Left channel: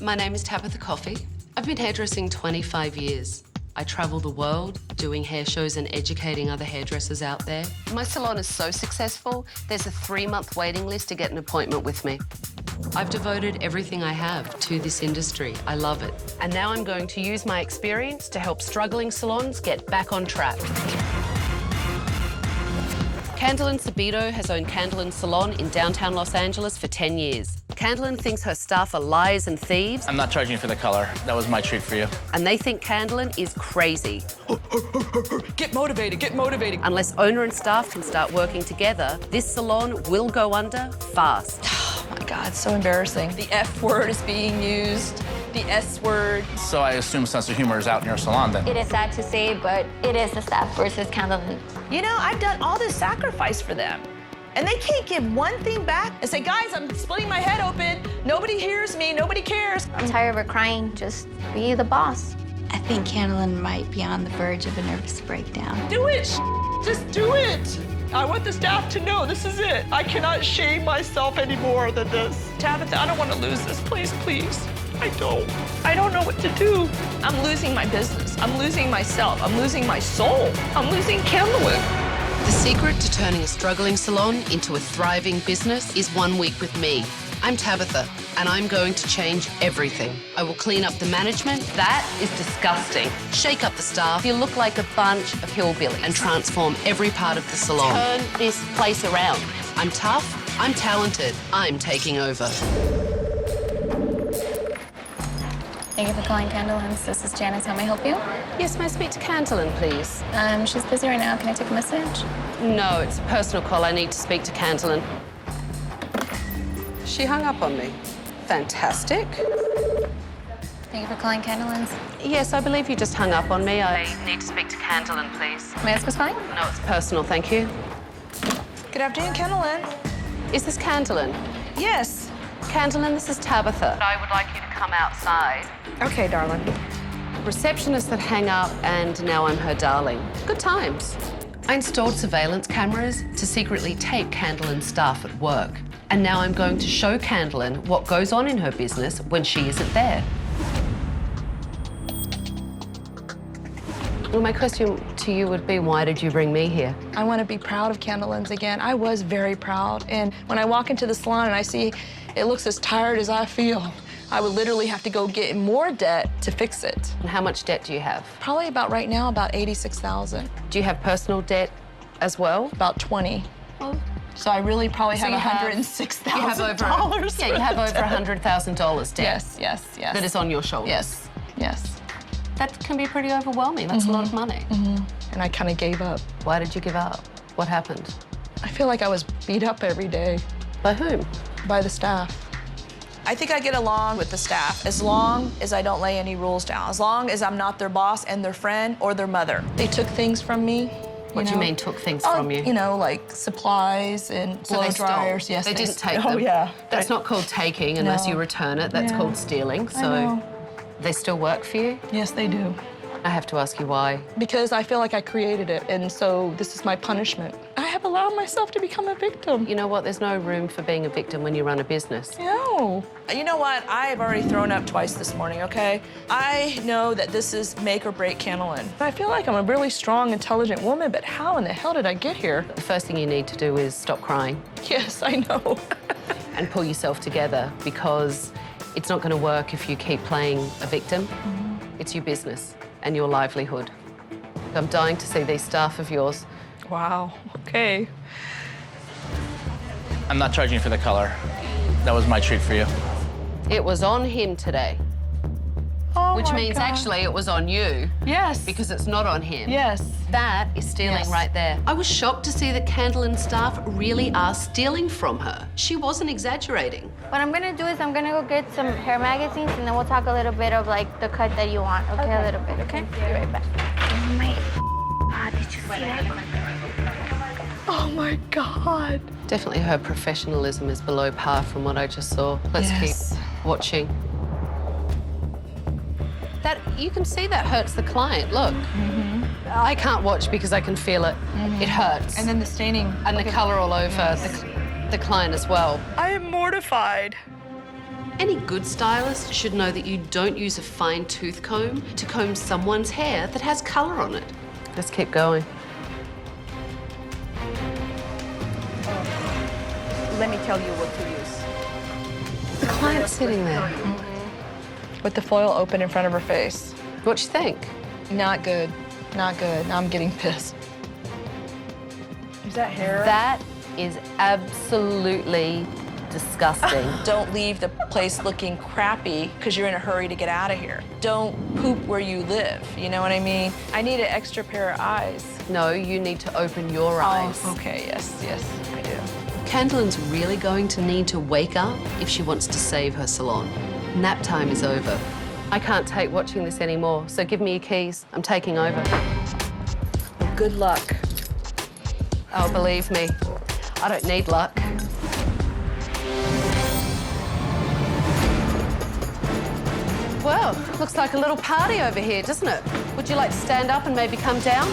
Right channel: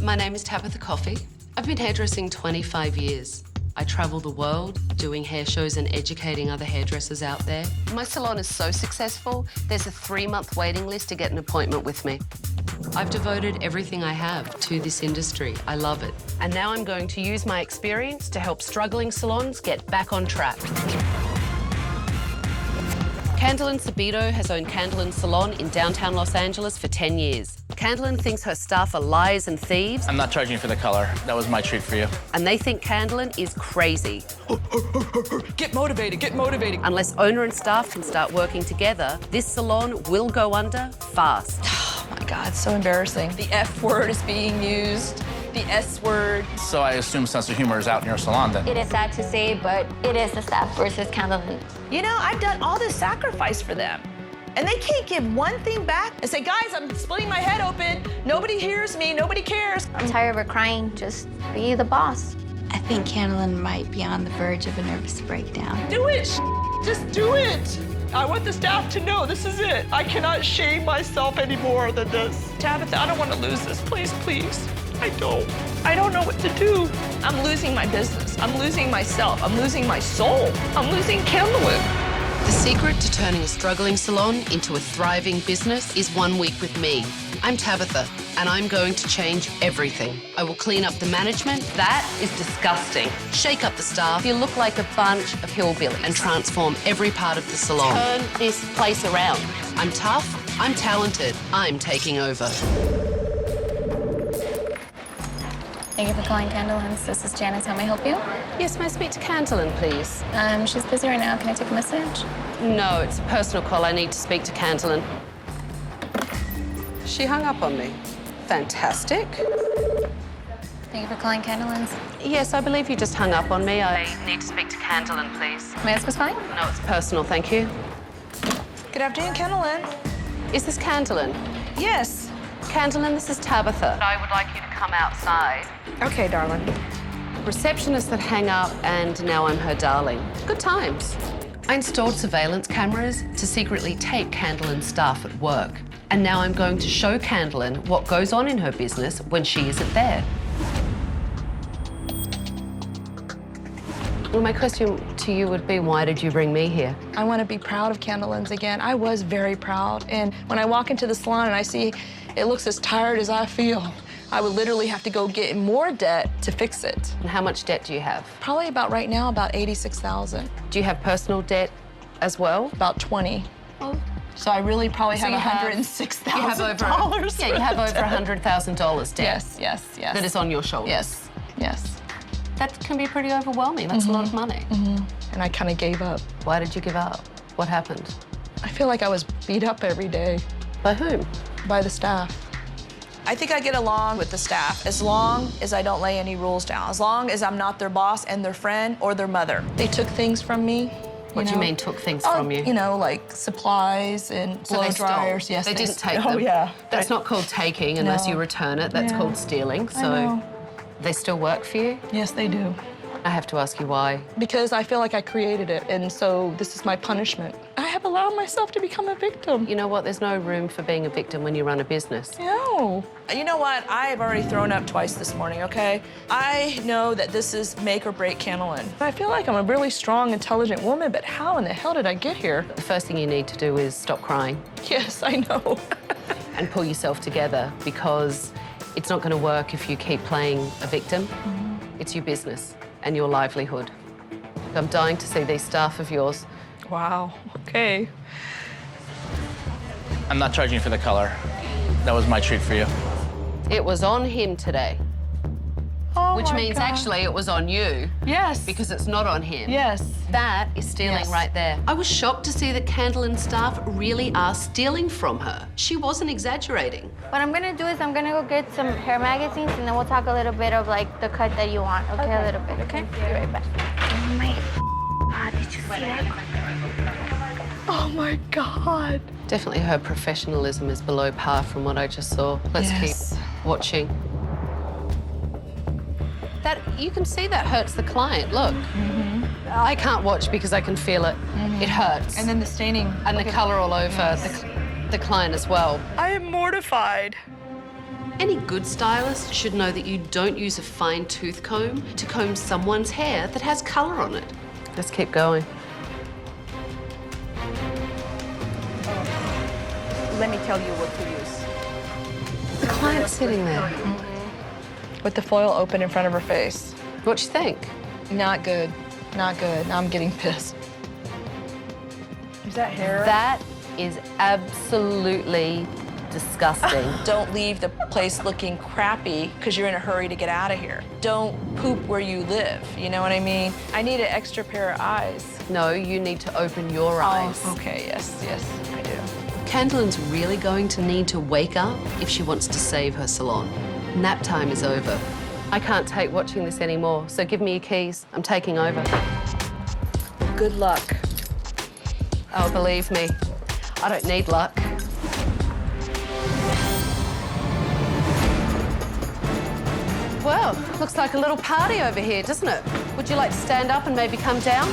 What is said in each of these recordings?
My name is Tabitha Coffee. I've been hairdressing 25 years. I travel the world doing hair shows and educating other hairdressers out there. My salon is so successful, there's a 3-month waiting list to get an appointment with me. I've devoted everything I have to this industry. I love it. And now I'm going to use my experience to help struggling salons get back on track. Candelan Sabito has owned Candelan Salon in downtown Los Angeles for 10 years. Candelyn thinks her staff are liars and thieves. I'm not charging you for the color. That was my treat for you. And they think Candelyn is crazy. Get motivated, get motivated. Unless owner and staff can start working together, this salon will go under fast. Oh my God, so embarrassing. The F word is being used, the S word. So I assume sense of humor is out in your salon then. It is sad to say, but it is the staff versus Candelyn. You know, I've done all this sacrifice for them. And they can't give one thing back and say, guys, I'm splitting my head open. Nobody hears me, nobody cares. I'm tired of her crying. Just be the boss. I think Candelyn might be on the verge of a nervous breakdown. Do it, just do it. I want the staff to know this is it. I cannot shame myself any more than this. Tabitha, I don't want to lose this, please, please. I don't know what to do. I'm losing my business. I'm losing myself. I'm losing my soul. I'm losing Candelyn. The secret to turning a struggling salon into a thriving business is 1 week with me. I'm Tabitha, and I'm going to change everything. I will clean up the management. That is disgusting. Shake up the staff. You look like a bunch of hillbillies. And transform every part of the salon. Turn this place around. I'm tough. I'm talented. I'm taking over. Thank you for calling Candelyn. This is Janice. How may I help you? Yes, may I speak to Candelyn, please? She's busy right now. Can I take a message? No, it's a personal call. I need to speak to Candelyn. She hung up on me. Fantastic. Thank you for calling Candelyn. Yes, I believe you just hung up on me. I need to speak to Candelyn, please. May I ask what's fine? No, it's personal, thank you. Good afternoon, Candelyn. Is this Candelyn? Yes. Candelyn, this is Tabitha. I would like you to come outside. Okay, darling. Receptionists that hang up, and now I'm her darling. Good times. I installed surveillance cameras to secretly tape Candelyn's staff at work. And now I'm going to show Candelyn what goes on in her business when she isn't there. Well, my question to you would be, why did you bring me here? I want to be proud of Candelyn's again. I was very proud. And when I walk into the salon and I see it looks as tired as I feel, I would literally have to go get in more debt to fix it. And how much debt do you have? Probably about right now, about $86,000. Do you have personal debt as well? About 20. Oh. So I really probably So have you have- $106,000. Yeah, you have over $100,000 debt. Yes, yes, yes. That is on your shoulders. Yes, yes. That can be pretty overwhelming. That's a lot of money. And I kind of gave up. Why did you give up? What happened? I feel like I was beat up every day By whom? by the staff. I think I get along with the staff as long as I don't lay any rules down, as long as I'm not their boss and their friend or their mother. They took things from me. What do you mean took things Oh, from you? You know, like supplies and So blow they stole. dryers. Yes, They didn't take Oh, them. yeah. That's not called taking unless No. you return it. That's Yeah. called stealing. I So know. they still work for you? Yes, they do. I have to ask you why. Because I feel like I created it, and so this is my punishment. I have allowed myself to become a victim. You know what? There's no room for being a victim when you run a business. No. You know what? I have already thrown up twice this morning, okay? I know that this is make or break Candelyn. I feel like I'm a really strong, intelligent woman, but how in the hell did I get here? The first thing you need to do is stop crying Yes, I know. and pull yourself together, because it's not going to work if you keep playing a victim. It's your business and your livelihood. I'm dying to see these staff of yours. Wow, okay. I'm not charging you for the color. That was my treat for you. It was on him today, Oh which my means God. actually it was on you, Yes. because it's not on him. Yes. That is stealing Yes. right there. I was shocked to see that Candelyn staff really are stealing from her. She wasn't exaggerating. What I'm gonna do is I'm gonna go get some hair magazines and then we'll talk a little bit of like the cut that you want. Okay, a little bit. Okay. Be right back. Oh my God, did you see that? Oh my God. Definitely her professionalism is below par from what I just saw. Let's Yes. keep watching. That, you can see that hurts the client, look. I can't watch because I can feel it. It hurts. And then the staining. And the color all over the client as well. I am mortified. Any good stylist should know that you don't use a fine tooth comb to comb someone's hair that has colour on it. Let's keep going. Let me tell you what to use. The client's sitting there. With the foil open in front of her face. What you think? Not good. Not good. Now I'm getting pissed. Is that hair? That is absolutely disgusting. Don't leave the place looking crappy because you're in a hurry to get out of here. Don't poop where you live. You know what I mean? I need an extra pair of eyes. No, you need to open your eyes. Oh, okay, yes, I do. Candelyn's really going to need to wake up if she wants to save her salon. Nap time is over. I can't take watching this anymore, so give me your keys. I'm taking over. Good luck. Oh, believe me, I don't need luck. Well, looks like a little party over here, doesn't it? Would you like to stand up and maybe come down?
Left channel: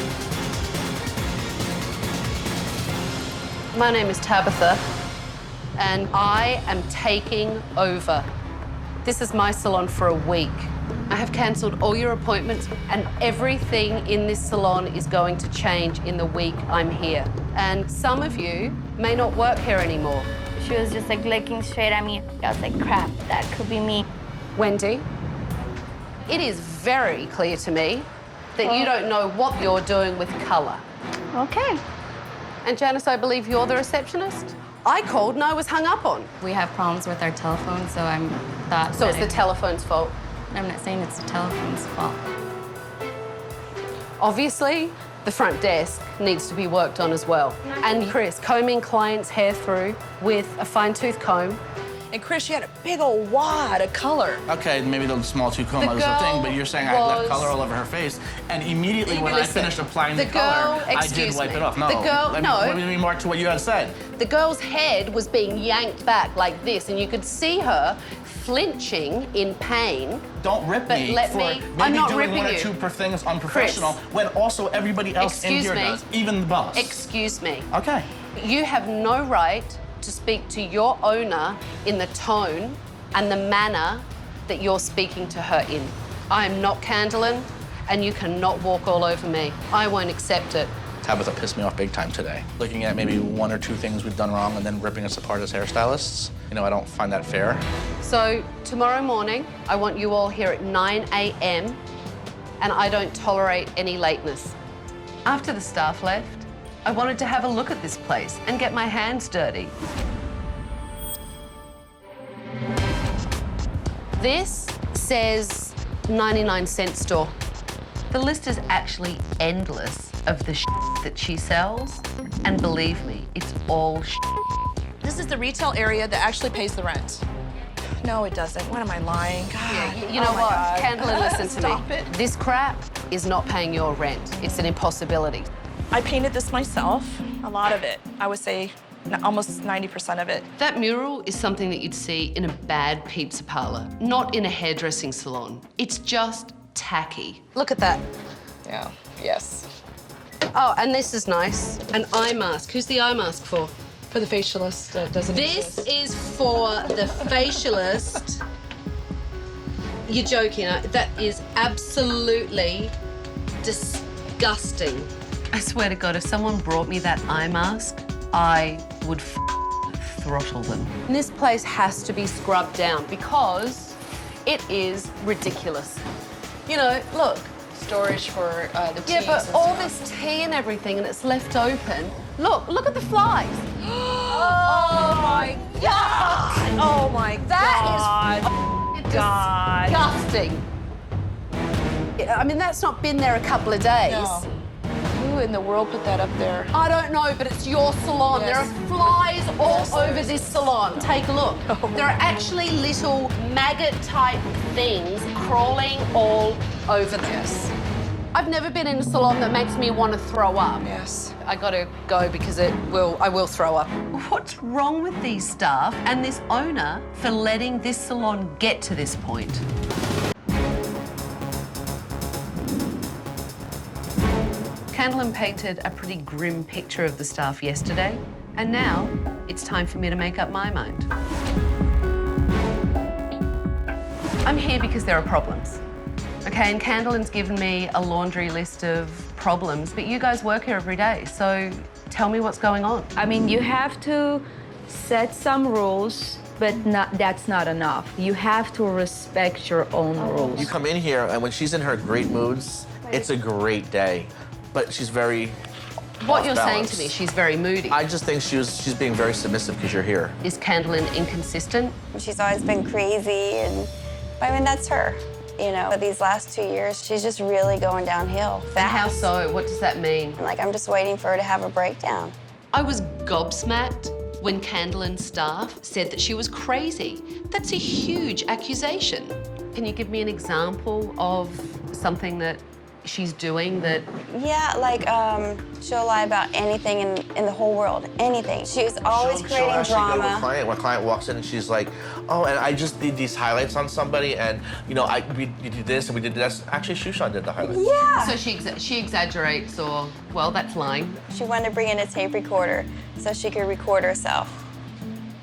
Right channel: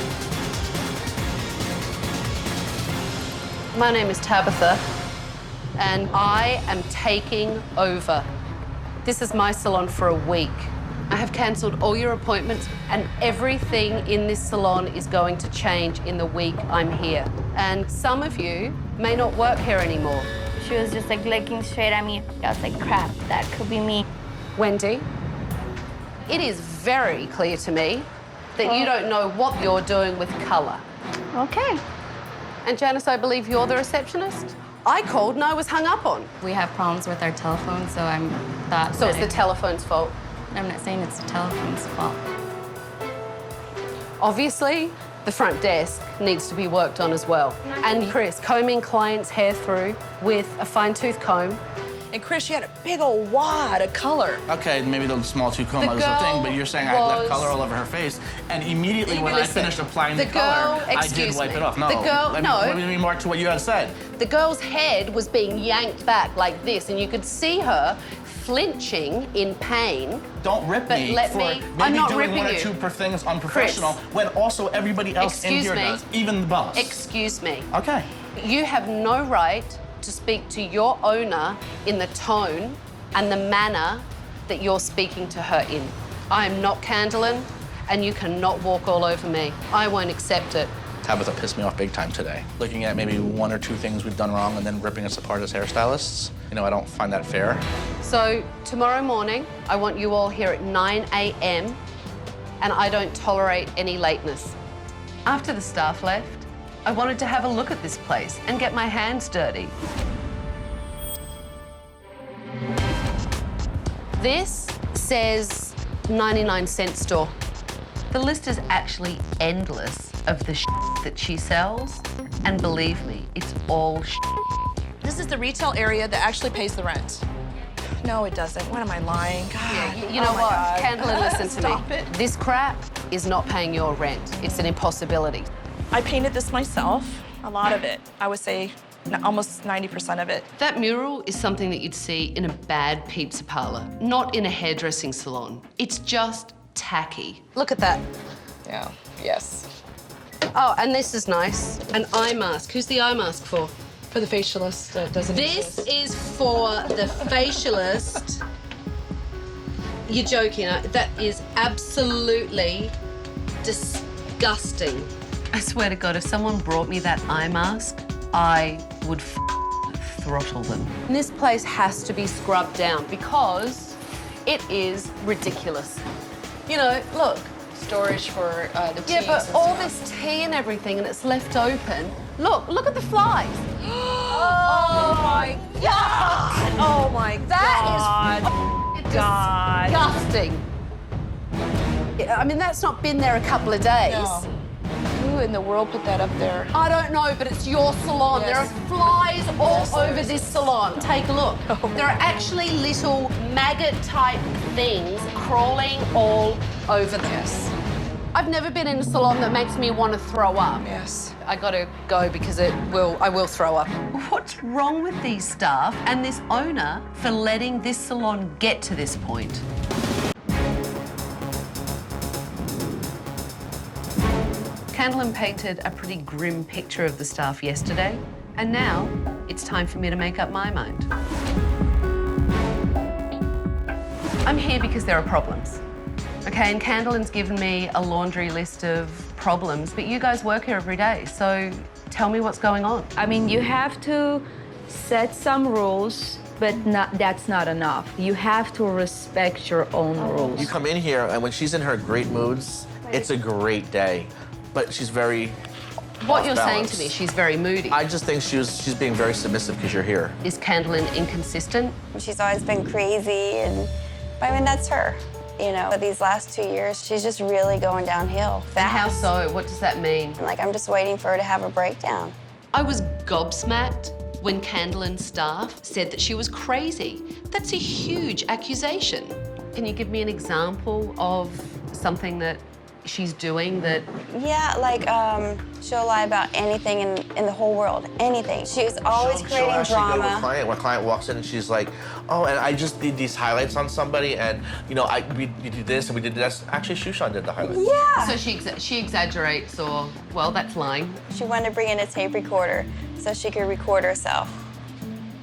My name is Tabitha, and I am taking over. This is my salon for a week. I have cancelled all your appointments, and everything in this salon is going to change in the week I'm here. And some of you may not work here anymore. She was just like looking straight at me. I was like, crap, that could be me. Wendy, it is very clear to me that you don't know what you're doing with colour. Okay. And Janice, I believe you're the receptionist? I called and I was hung up on. We have problems with our telephone, so I'm thought So it's the telephone's fault. I'm not saying it's the telephone's fault. Obviously, the front desk needs to be worked on as well. And Chris, combing clients' hair through with a fine-tooth comb. And Chris, you had a big old wad of color. Okay, maybe the small two comb The was a girl thing, but you're saying I left was- color all over her face, and immediately when I Listen, finished applying the the color, girl- I did excuse wipe me. it off. No, The girl- let me, no. let me remark to what you had said. The girl's head was being yanked back like this, and you could see her flinching in pain. Don't rip But me let for me- maybe I'm not doing ripping one or you. two per thing is unprofessional when also everybody else Excuse in here me. does, even the boss. Excuse me. Okay. You have no right to speak to your owner in the tone and the manner that you're speaking to her in. I am not Candelyn, and you cannot walk all over me. I won't accept it. Tabitha pissed me off big time today. Looking at maybe one or two things we've done wrong and then ripping us apart as hairstylists. You know, I don't find that fair. So tomorrow morning, I want you all here at 9 a.m. and I don't tolerate any lateness. After the staff left, I wanted to have a look at this place and get my hands dirty. This says 99-cent store. The list is actually endless of the that she sells, and believe me, it's all This is the retail area that actually pays the rent. No, it doesn't. What am I lying? God. You know Oh my what, God. Candelyn, listen to me. Stop it. This crap is not paying your rent. It's an impossibility. I painted this myself. A lot of it. I would say almost 90% of it. That mural is something that you'd see in a bad pizza parlor, not in a hairdressing salon. It's just tacky. Look at that. Yeah. Yes. Oh, and this is nice. An eye mask. Who's the eye mask for? For the facialist, does it? This is for the facialist. You're joking. That is absolutely disgusting. I swear to God, if someone brought me that eye mask, I would throttle them. And this place has to be scrubbed down because it is ridiculous. You know, look. Storage for the teas. Yeah, but and all stuff. this tea and everything, and it's left open. Look at the flies. Oh my God! Oh my That God! is God. disgusting. I mean, that's not been there a couple of days. No. Who in the world put that up there? I don't know, but it's your salon. Yes. There are flies all over this salon. Take a look. Oh. There are actually little maggot-type things crawling all over this. I've never been in a salon that makes me want to throw up. Yes. I gotta go because I will throw up. What's wrong with these staff and this owner for letting this salon get to this point? Candelyn painted a pretty grim picture of the staff yesterday, and now it's time for me to make up my mind. I'm here because there are problems. Okay, and Candelan's given me a laundry list of problems, but you guys work here every day, so tell me what's going on. I mean, you have to set some rules, but that's not enough. You have to respect your own rules. You come in here, and when she's in her great moods, it's a great day. But she's very What you're saying off-balance. to me, she's very moody. I just think she's being very submissive because you're here. Is Candelan inconsistent? She's always been crazy, but I mean, that's her. You know, but these last 2 years, she's just really going downhill fast. How so? What does that mean? Like, I'm just waiting for her to have a breakdown. I was gobsmacked when Candelan's staff said that she was crazy. That's a huge accusation. Can you give me an example of something that she's doing that... Yeah, like, she'll lie about anything in the whole world, anything. She's always She'll creating actually go to a drama. client. When a client walks in and she's like, oh, and I just did these highlights on somebody, and, you know, we did this and we did this. Actually, Shushan did the highlights. Yeah. So she exaggerates or, well, that's lying. She wanted to bring in a tape recorder so she could record herself.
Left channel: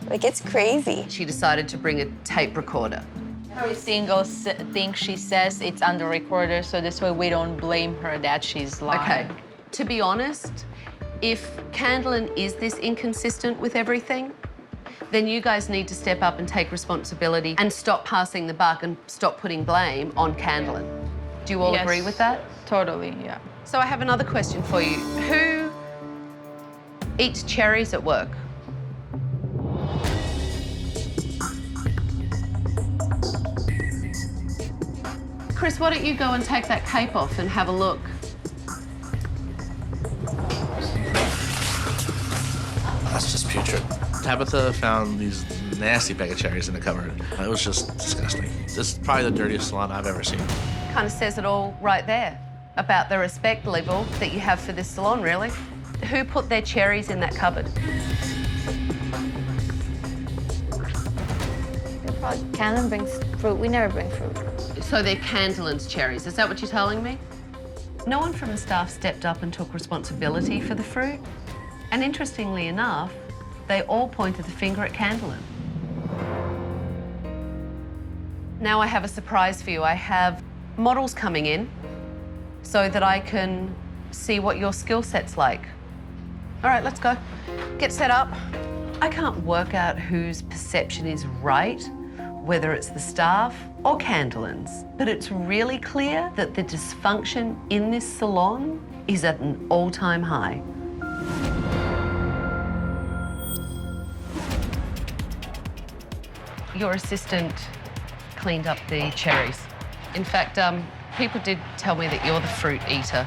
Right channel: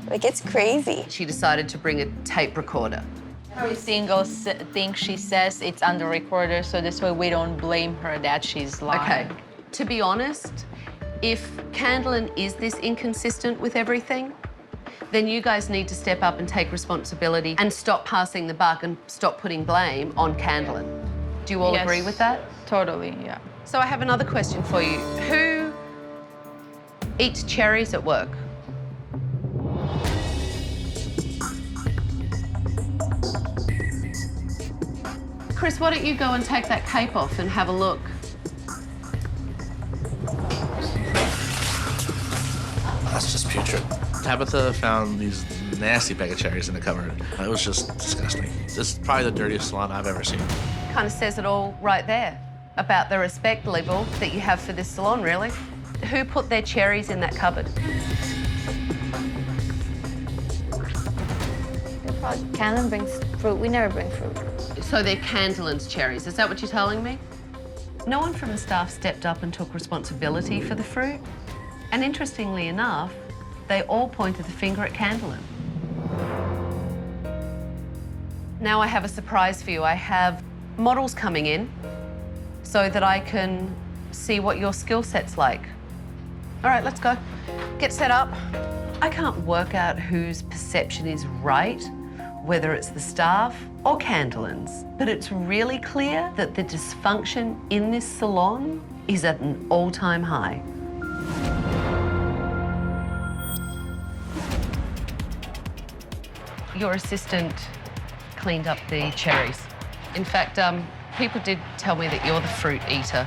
Like, it's crazy. She decided to bring a tape recorder. Every single thing she says, it's on the recorder, so this way we don't blame her that she's lying. Okay, to be honest, if Candelan is this inconsistent with everything, then you guys need to step up and take responsibility and stop passing the buck and stop putting blame on Candelan. Do you all Yes. agree with that? Totally, yeah. So I have another question for you. Who eats cherries at work? Chris, why don't you go and take that cape off and have a look? That's just putrid. Tabitha found these nasty bag of cherries in the cupboard. It was just disgusting. This is probably the dirtiest salon I've ever seen. Kind of says it all right there about the respect level that you have for this salon, really. Who put their cherries in that cupboard? Candelan brings fruit. We never bring fruit. So they're Candelan's cherries. Is that what you're telling me? No one from the staff stepped up and took responsibility for the fruit. And interestingly enough, they all pointed the finger at Candelan. Now I have a surprise for you. I have models coming in so that I can see what your skill set's like. All right, let's go. Get set up. I can't work out whose perception is right, whether it's the staff or Candelan's, but it's really clear that the dysfunction in this salon is at an all-time high. Your assistant cleaned up the cherries. In fact, people did tell me that you're the fruit eater.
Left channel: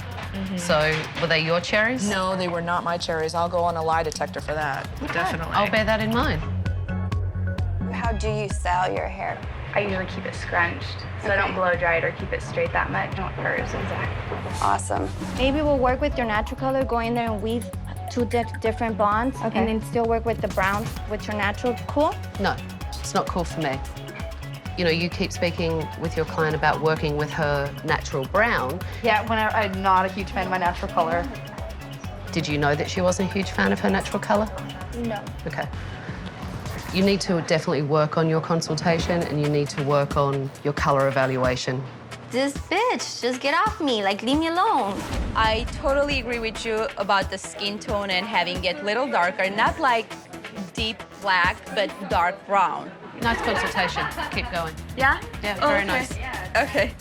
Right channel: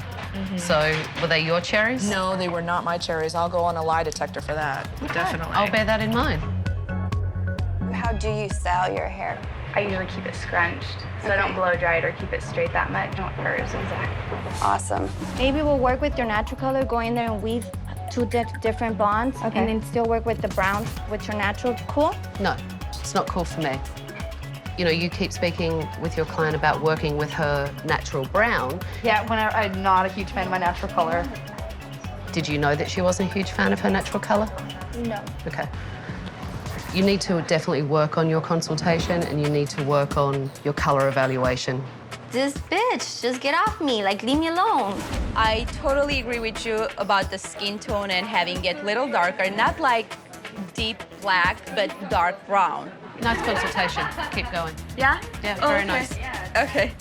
So, were they your cherries? No, they were not my cherries. I'll go on a lie detector for that. Definitely. I'll bear that in mind. How do you style your hair? I usually keep it scrunched, so I don't blow dry it or keep it straight that much. I want hers exactly. Awesome. Maybe we'll work with your natural color, go in there and weave two different bonds, Okay. and then still work with the brown with your natural. Cool? No, it's not cool for me. You know, you keep speaking with your client about working with her natural brown. Yeah, whenever I'm not a huge fan of my natural color. Did you know that she wasn't a huge fan of her natural color? No. Okay. You need to definitely work on your consultation and you need to work on your color evaluation. This bitch, just get off me, like leave me alone. I totally agree with you about the skin tone and having it a little darker, not like deep black, but dark brown. Nice consultation. Keep going. Yeah? Yeah, very nice. Okay.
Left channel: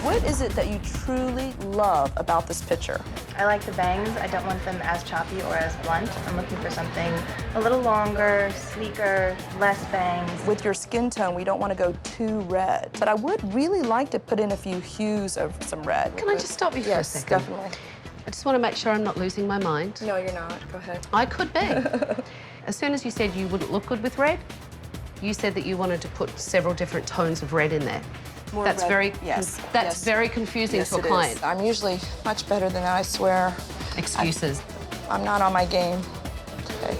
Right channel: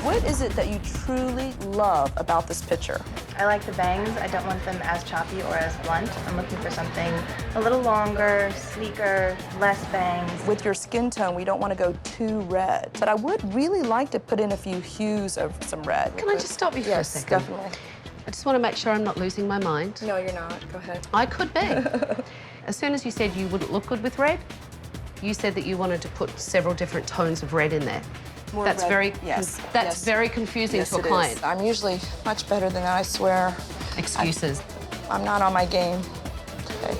What is it that you truly love about this picture? I like the bangs. I don't want them as choppy or as blunt. I'm looking for something a little longer, sleeker, less bangs. With your skin tone, we don't want to go too red. But I would really like to put in a few hues of some red. Can I just stop you for a Yes, second? definitely. I just want to make sure I'm not losing my mind. No, you're not. Go ahead. I could be. As soon as you said you wouldn't look good with red, you said that you wanted to put several different tones of red in there. More That's red. very Yes. That's Yes. very confusing Yes, to a it client. is. I'm usually much better than that, I swear. Excuses. I'm not on my game today.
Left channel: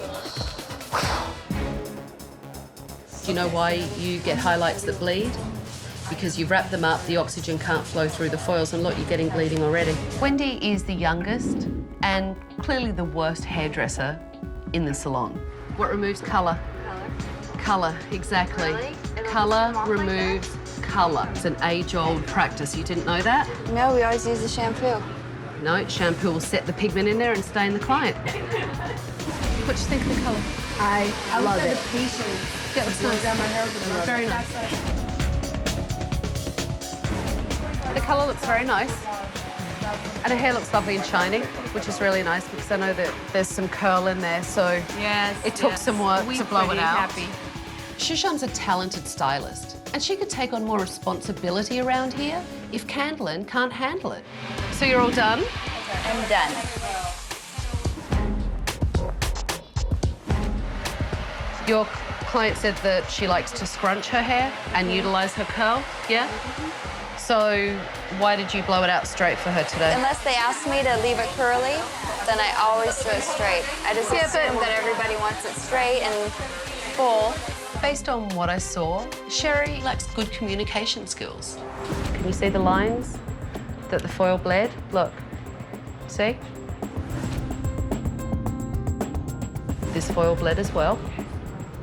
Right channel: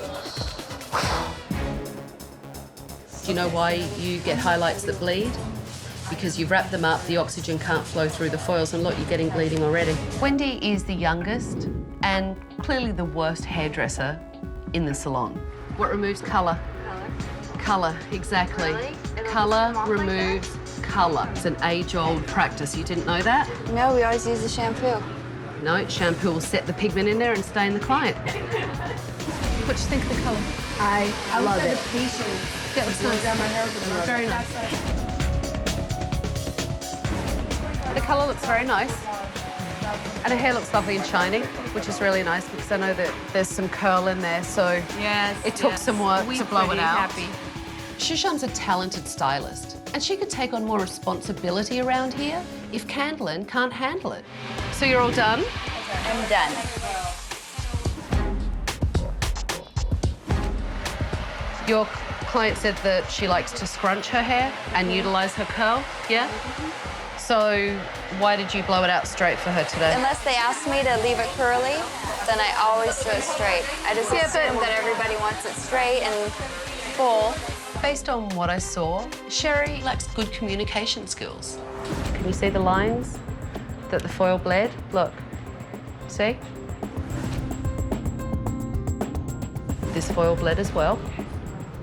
Do you know why you get highlights that bleed? Because you've wrapped them up, the oxygen can't flow through the foils, and look, you're getting bleeding already. Wendy is the youngest and clearly the worst hairdresser in the salon. What removes colour? Colour, exactly. Colour removes colour. It's an age-old practice. You didn't know that? No, we always use the shampoo. No, shampoo will set the pigment in there and stain the client. What do you think of the colour? I love was it. the patient. That was nice. Very nice. The colour looks very nice. And her hair looks lovely and shiny, which is really nice because I know that there's some curl in there, so Yes. it took some work to blow it out. Shushan's a talented stylist, and she could take on more responsibility around here if Candelyn can't handle it. So you're all done? I'm done. Your client said that she likes to scrunch her hair and utilise her curl, yeah? So why did you blow it out straight for her today? Unless they ask me to leave it curly, then I always do it straight. I just assume that everybody wants it straight and full. Based on what I saw, Sherry lacks good communication skills. Can you see the lines that the foil bled? Look, see? This foil bled as well.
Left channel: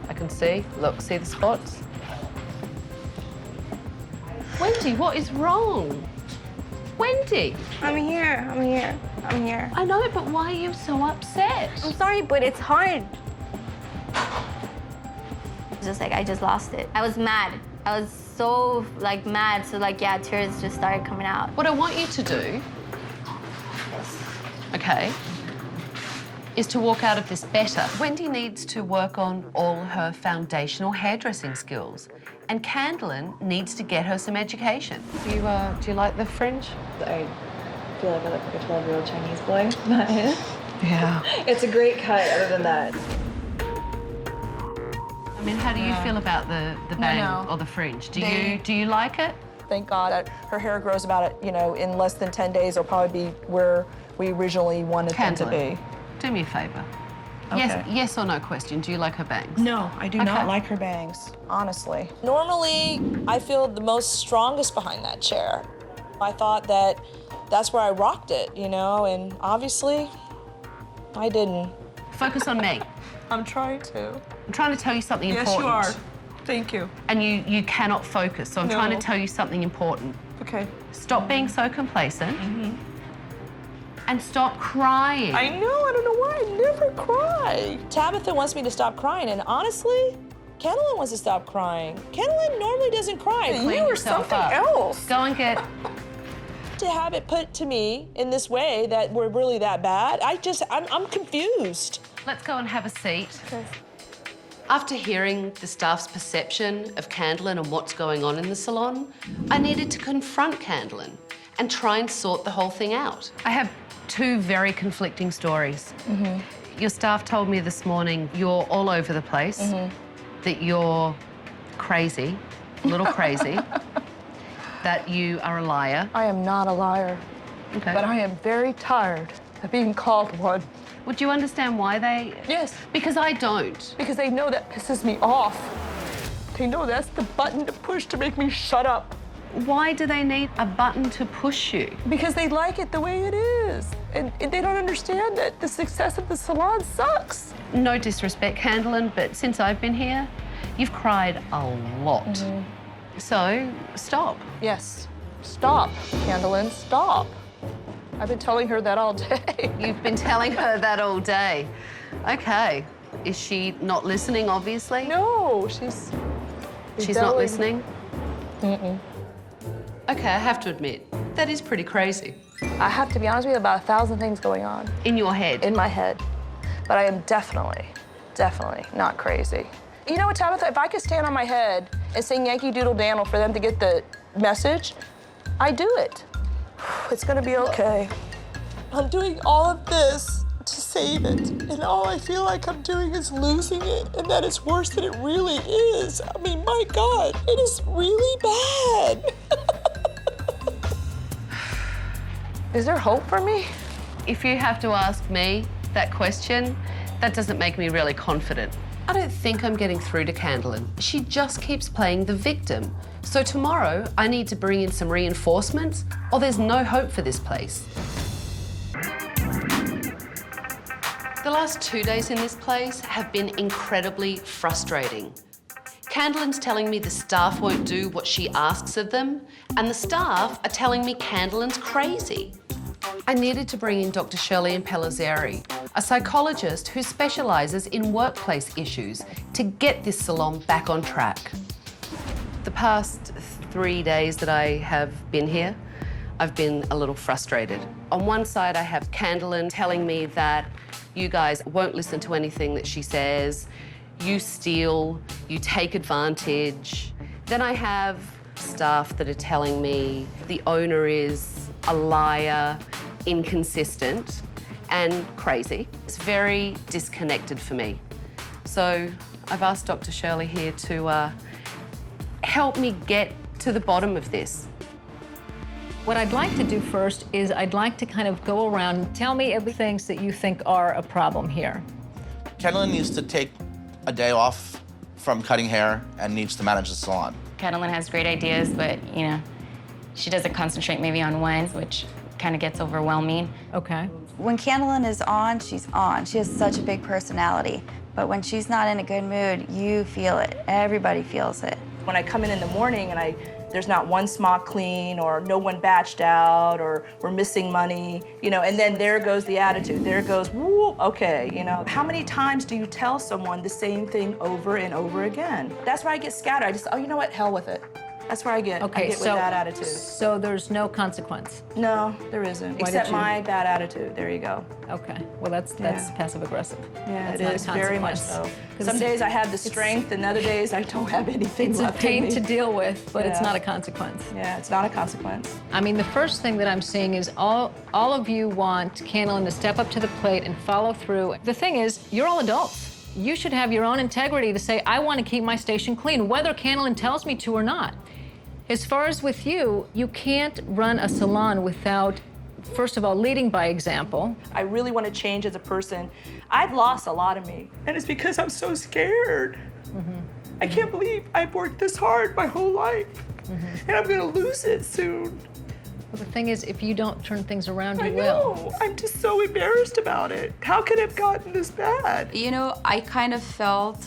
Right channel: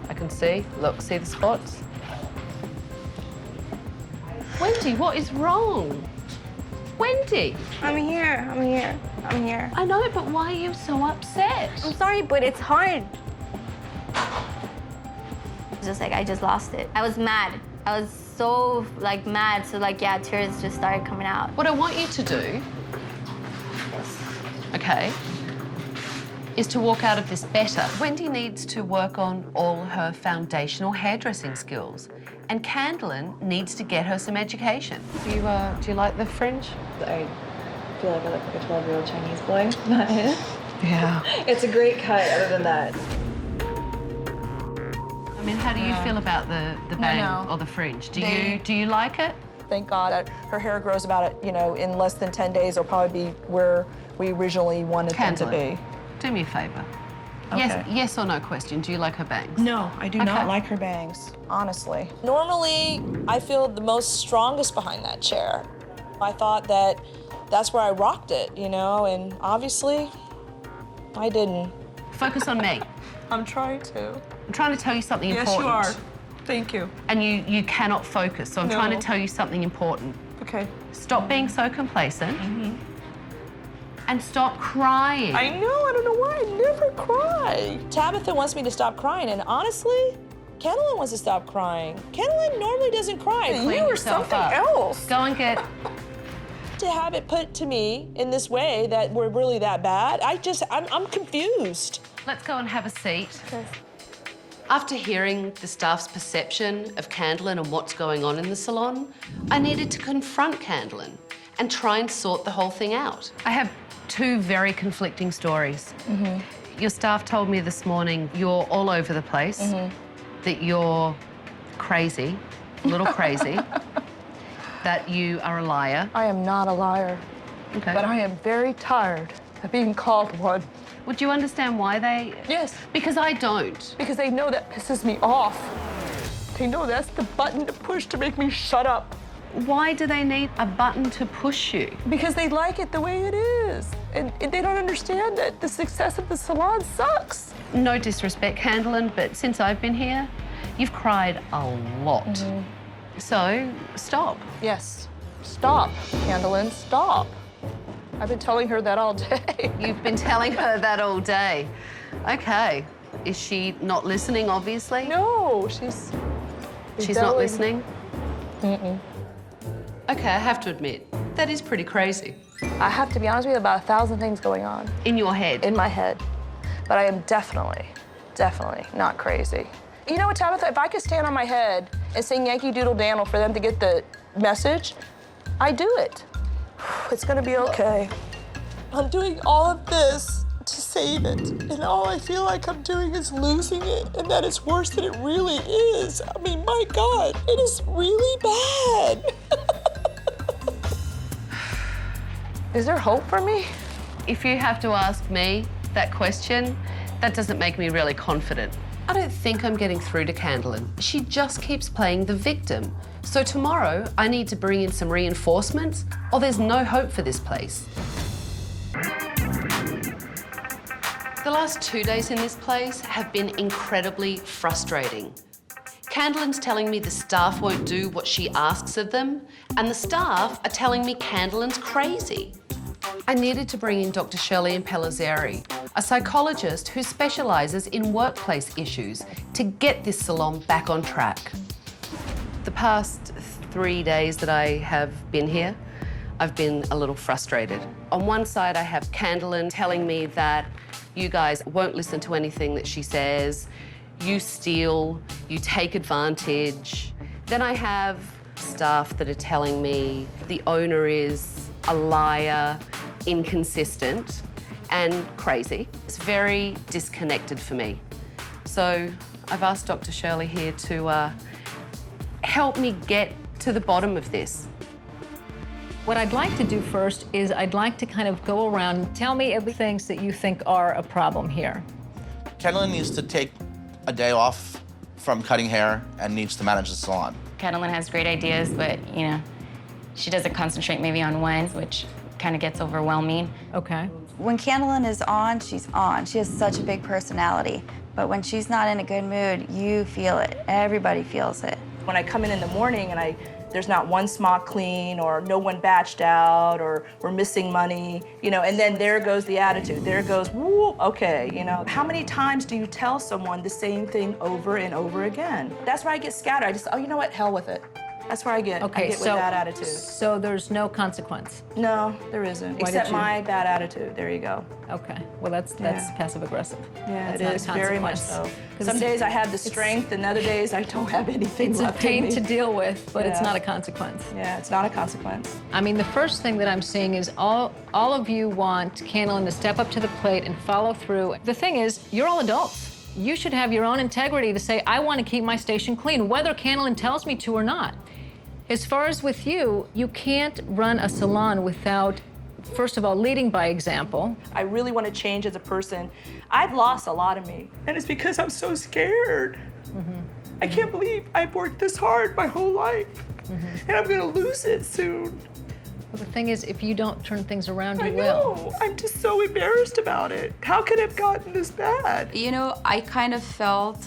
I can see, look, see the spots? Wendy, what is wrong? Wendy! I'm here. I know, but why are you so upset? I'm sorry, but it's hard. It's just like I just lost it. I was mad. I was so like mad. So like yeah, tears just started coming out. What I want you to do, okay, is to walk out of this better. Wendy needs to work on all her foundational hairdressing skills, and Candelyn needs to get her some education. Do you like the fringe? I feel like I look like a 12-year-old Chinese boy. Not it. Yeah. It's a great cut, other than that. I mean, how do you feel about the bang or the fringe? Do you like it? Thank God that her hair grows about, in less than 10 days. It'll probably be where we originally wanted them to Candelyn, be. do me a favour. Okay. Yes or no question. Do you like her bangs? No, I do Okay. not like her bangs, honestly. Normally, I feel the most strongest behind that chair. I thought that's where I rocked it, and obviously, I didn't. Focus on me. I'm trying to. I'm trying to tell you something Yes, important. you are. Thank you. And you cannot focus, so I'm No. trying to tell you something important. Okay. Stop being so complacent and stop crying. I know, I don't know why I never cry. Tabitha wants me to stop crying, and honestly, Candelyn wants to stop crying. Candelyn normally doesn't cry. Clean You were yourself something up. else. Go and get... To have it put to me in this way that we're really that bad, I'm confused. Let's go and have a seat. After hearing the staff's perception of Candelyn and what's going on in the salon, I needed to confront Candelyn and try and sort the whole thing out. I have two very conflicting stories. Your staff told me this morning you're all over the place, that you're crazy, a little crazy, that you are a liar. I am not a liar, Okay. but I am very tired of being called one. Would you understand why they... Yes, Because I don't. because they know that pisses me off. They know that's the button to push to make me shut up. Why do they need a button to push you? Because they like it the way it is. And they don't understand that the success of the salon sucks. No disrespect, Candelyn, but since I've been here, you've cried a lot. So, stop. Yes. Stop, Candelyn, stop. I've been telling her that all day. You've been telling her that all day. Okay. Is she not listening, obviously? No, she's She's not listening? Okay, I have to admit, that is pretty crazy. I have to be honest with you, about 1,000 things going on In your head. in my head. But I am definitely not crazy. You know what, Tabitha, if I could stand on my head and sing Yankee Doodle Dangle for them to get the message, I do it. It's gonna be okay. I'm doing all of this to save it, and all I feel like I'm doing is losing it, and that it's worse than it really is. I mean, my God, it is really bad. Is there hope for me? If you have to ask me that question, that doesn't make me really confident. I don't think I'm getting through to Candelyn. She just keeps playing the victim. So tomorrow, I need to bring in some reinforcements, or there's no hope for this place. The last 2 days in this place have been incredibly frustrating. Candelyn's telling me the staff won't do what she asks of them, and the staff are telling me Candelyn's crazy. I needed to bring in Dr. Shirley Pellizzeri, a psychologist who specialises in workplace issues, to get this salon back on track. The past 3 days that I have been here, I've been a little frustrated. On one side, I have Candelyn telling me that you guys won't listen to anything that she says, you steal, you take advantage. Then I have staff that are telling me the owner is a liar, inconsistent, and crazy. It's very disconnected for me. So I've asked Dr. Shirley here to help me get to the bottom of this. What I'd like to do first is I'd like to kind of go around and tell me everything that you think are a problem here. Candelyn needs to take a day off from cutting hair and needs to manage the salon. Candelyn has great ideas, but, you know, she doesn't concentrate maybe on one, which kind of gets overwhelming. Okay. When Candelyn is on, she's on. She has such a big personality. But when she's not in a good mood, you feel it. Everybody feels it. When I come in the morning and there's not one smock clean, or no one batched out, or we're missing money, you know, and then there goes the attitude. There goes, woo, okay, you know. How many times do you tell someone the same thing over and over again? That's where I get scattered. I just, oh, you know what, hell with it. That's where I get, Okay, I get so, with that attitude. So there's no consequence? No, there isn't, except my bad attitude. There you go. Okay, well, that's passive aggressive. Yeah, That's it not a is very much consequence. so. Some days I have the strength, and other days I don't have anything It's a left in pain me. to deal with, but it's Yeah. not a consequence. Yeah, it's not a consequence. I mean, the first thing that I'm seeing is all of you want Candelyn to step up to the plate and follow through. The thing is, you're all adults. You should have your own integrity to say, I want to keep my station clean, whether Candelyn tells me to or not. As far as with you, you can't run a salon without, first of all, leading by example. I really want to change as a person. I've lost a lot of me, and it's because I'm so scared. I can't believe I've worked this hard my whole life, and I'm going to lose it soon. Well, the thing is, if you don't turn things around, you I will. know. I'm just so embarrassed about it. How could it have gotten this bad? You know, I kind of felt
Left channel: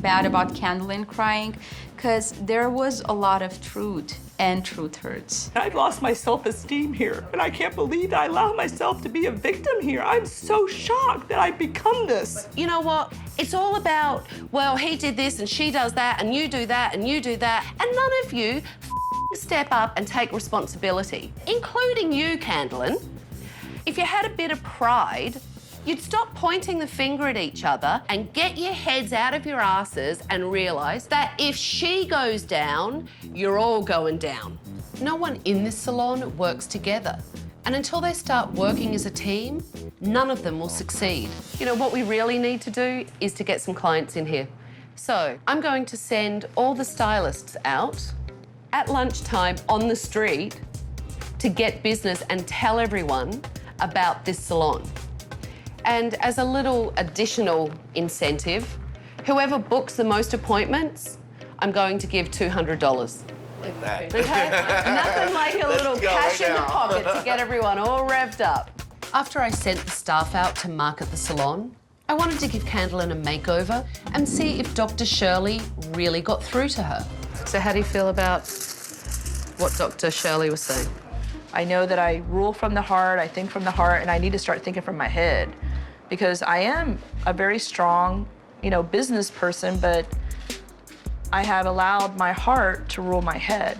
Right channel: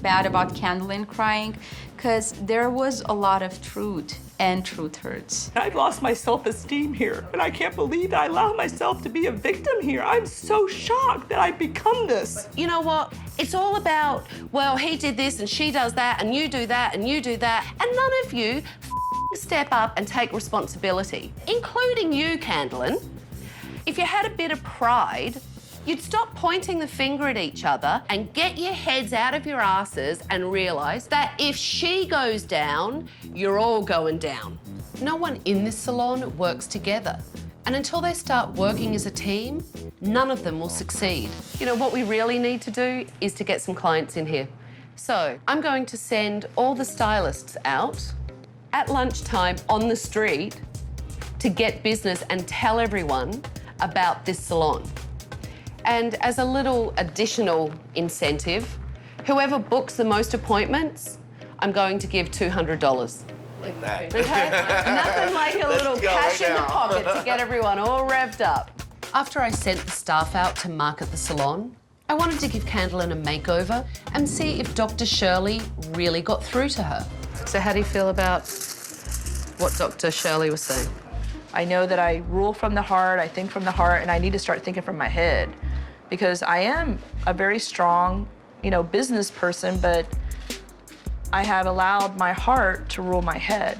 bad about Candelyn crying because there was a lot of truth, and truth hurts. I've lost my self-esteem here, and I can't believe that I allow myself to be a victim here. I'm so shocked that I've become this. You know what? It's all about, well, he did this and she does that and you do that and you do that. And none of you step up and take responsibility, including you, Candelyn. If you had a bit of pride, you'd stop pointing the finger at each other and get your heads out of your asses and realise that if she goes down, you're all going down. No one in this salon works together. And until they start working as a team, none of them will succeed. You know, what we really need to do is to get some clients in here. So I'm going to send all the stylists out at lunchtime on the street to get business and tell everyone about this salon. And as a little additional incentive, whoever books the most appointments, I'm going to give $200. Like that. Okay? Nothing like a Let's little go cash right in the now. pocket to get everyone all revved up. After I sent the staff out to market the salon, I wanted to give Candelyn a makeover and see if Dr. Shirley really got through to her. So how do you feel about what Dr. Shirley was saying? I know that I rule from the heart, I think from the heart, and I need to start thinking from my head. Because I am a very strong, you know, business person, but I have allowed my heart to rule my head.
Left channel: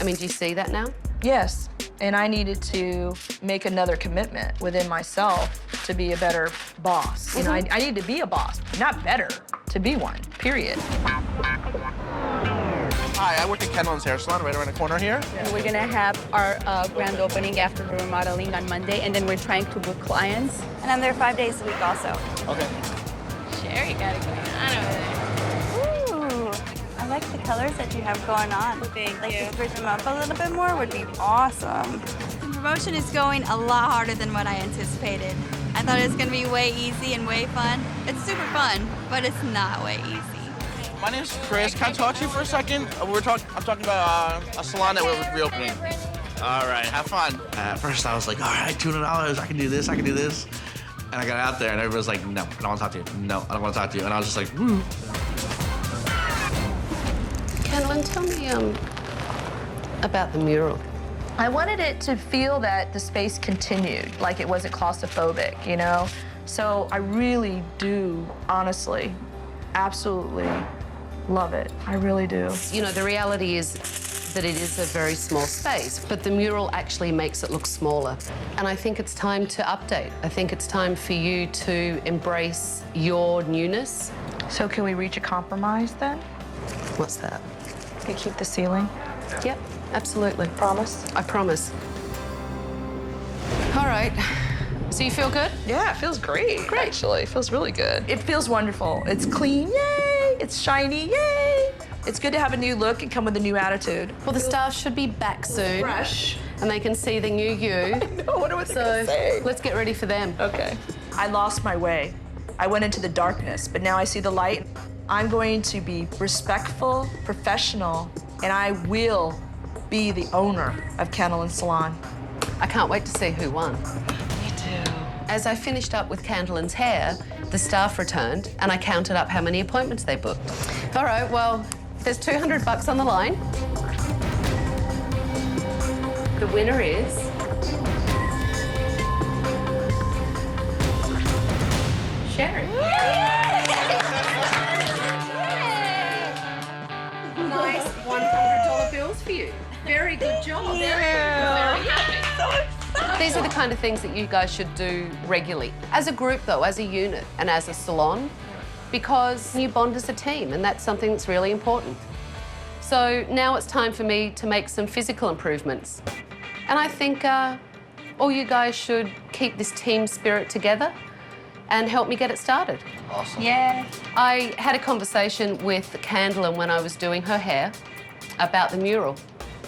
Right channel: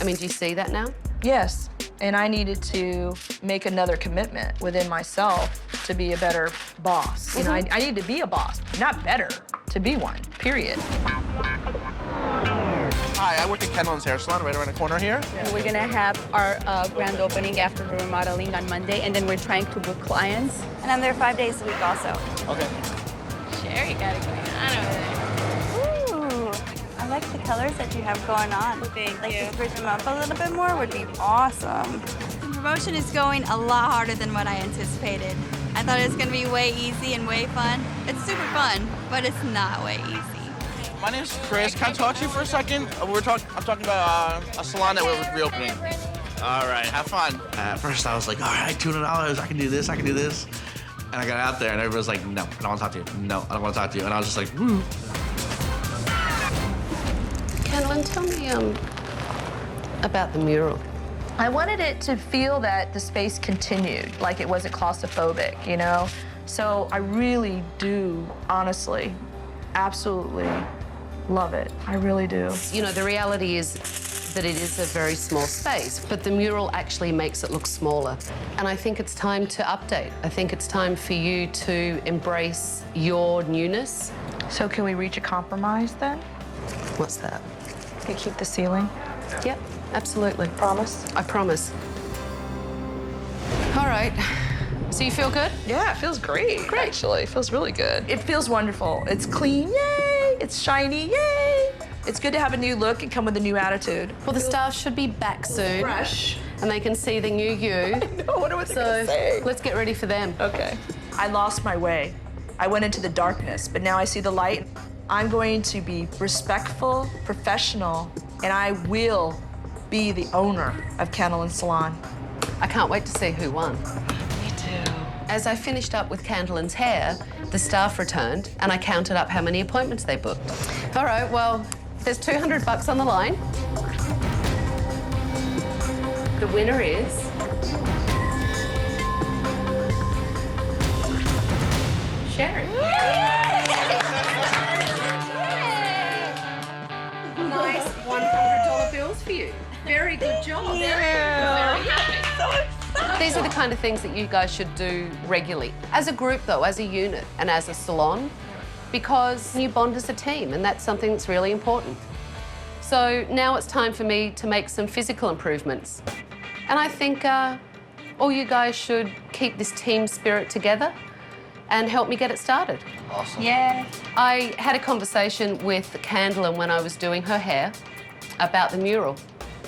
I mean, do you see that now? Yes, and I needed to make another commitment within myself to be a better boss. You know, I need to be a boss, not better, to be one, period. Hi, I work at Candelan Salon right around the corner here. And we're gonna have our grand opening after remodeling on Monday, and then we're trying to book clients. And I'm there 5 days a week also. Okay. Sherry got it going on over there. Ooh, I like the colors that you have going on. Like to switch them up a little bit more would be awesome. The promotion is going a lot harder than what I anticipated. I thought it was gonna be way easy and way fun. It's super fun, but it's not way easy. My name's Chris. Can I talk to you for a second? I'm talking about a salon that we're reopening. All right, have fun. At first, I was like, all right, $200. I can do this. I can do this. And I got out there, and everybody was like, no, I don't want to talk to you. No, I don't want to talk to you. And I was just like, woo. Candelyn, tell me about the mural. I wanted it to feel that the space continued, like it wasn't claustrophobic, you know? So I really do, honestly, absolutely love it. I really do. You know, the reality is that it is a very small space, but the mural actually makes it look smaller. And I think it's time to update. I think it's time for you to embrace your newness. So can we reach a compromise then? What's that? We keep the ceiling? Yep, absolutely. Promise? I promise. All right. So you feel good? Yeah, it feels great, actually. It feels really good. It feels wonderful. It's clean, yay! It's shiny, yay! It's good to have a new look and come with a new attitude. Well, the staff should be back soon. Fresh. And they can see the new you. I know, I wonder what they're gonna say. Let's get ready for them. Okay. I lost my way. I went into the darkness, but now I see the light. I'm going to be respectful, professional, and I will be the owner of Candelan Salon. I can't wait to see who won. Me too. As I finished up with Candelyn's hair, the staff returned and I counted up how many appointments they booked. All right, well, there's $200 on the line. The winner is... Sharon. Nice $100 bills for you. Very good job. These are the kind of things that you guys should do regularly. As a group, though, as a unit and as a salon, because you bond as a team, and that's something that's really important. So now it's time for me to make some physical improvements. And I think all you guys should keep this team spirit together and help me get it started. Awesome. Yeah. I had a conversation with Candelyn when I was doing her hair about the mural.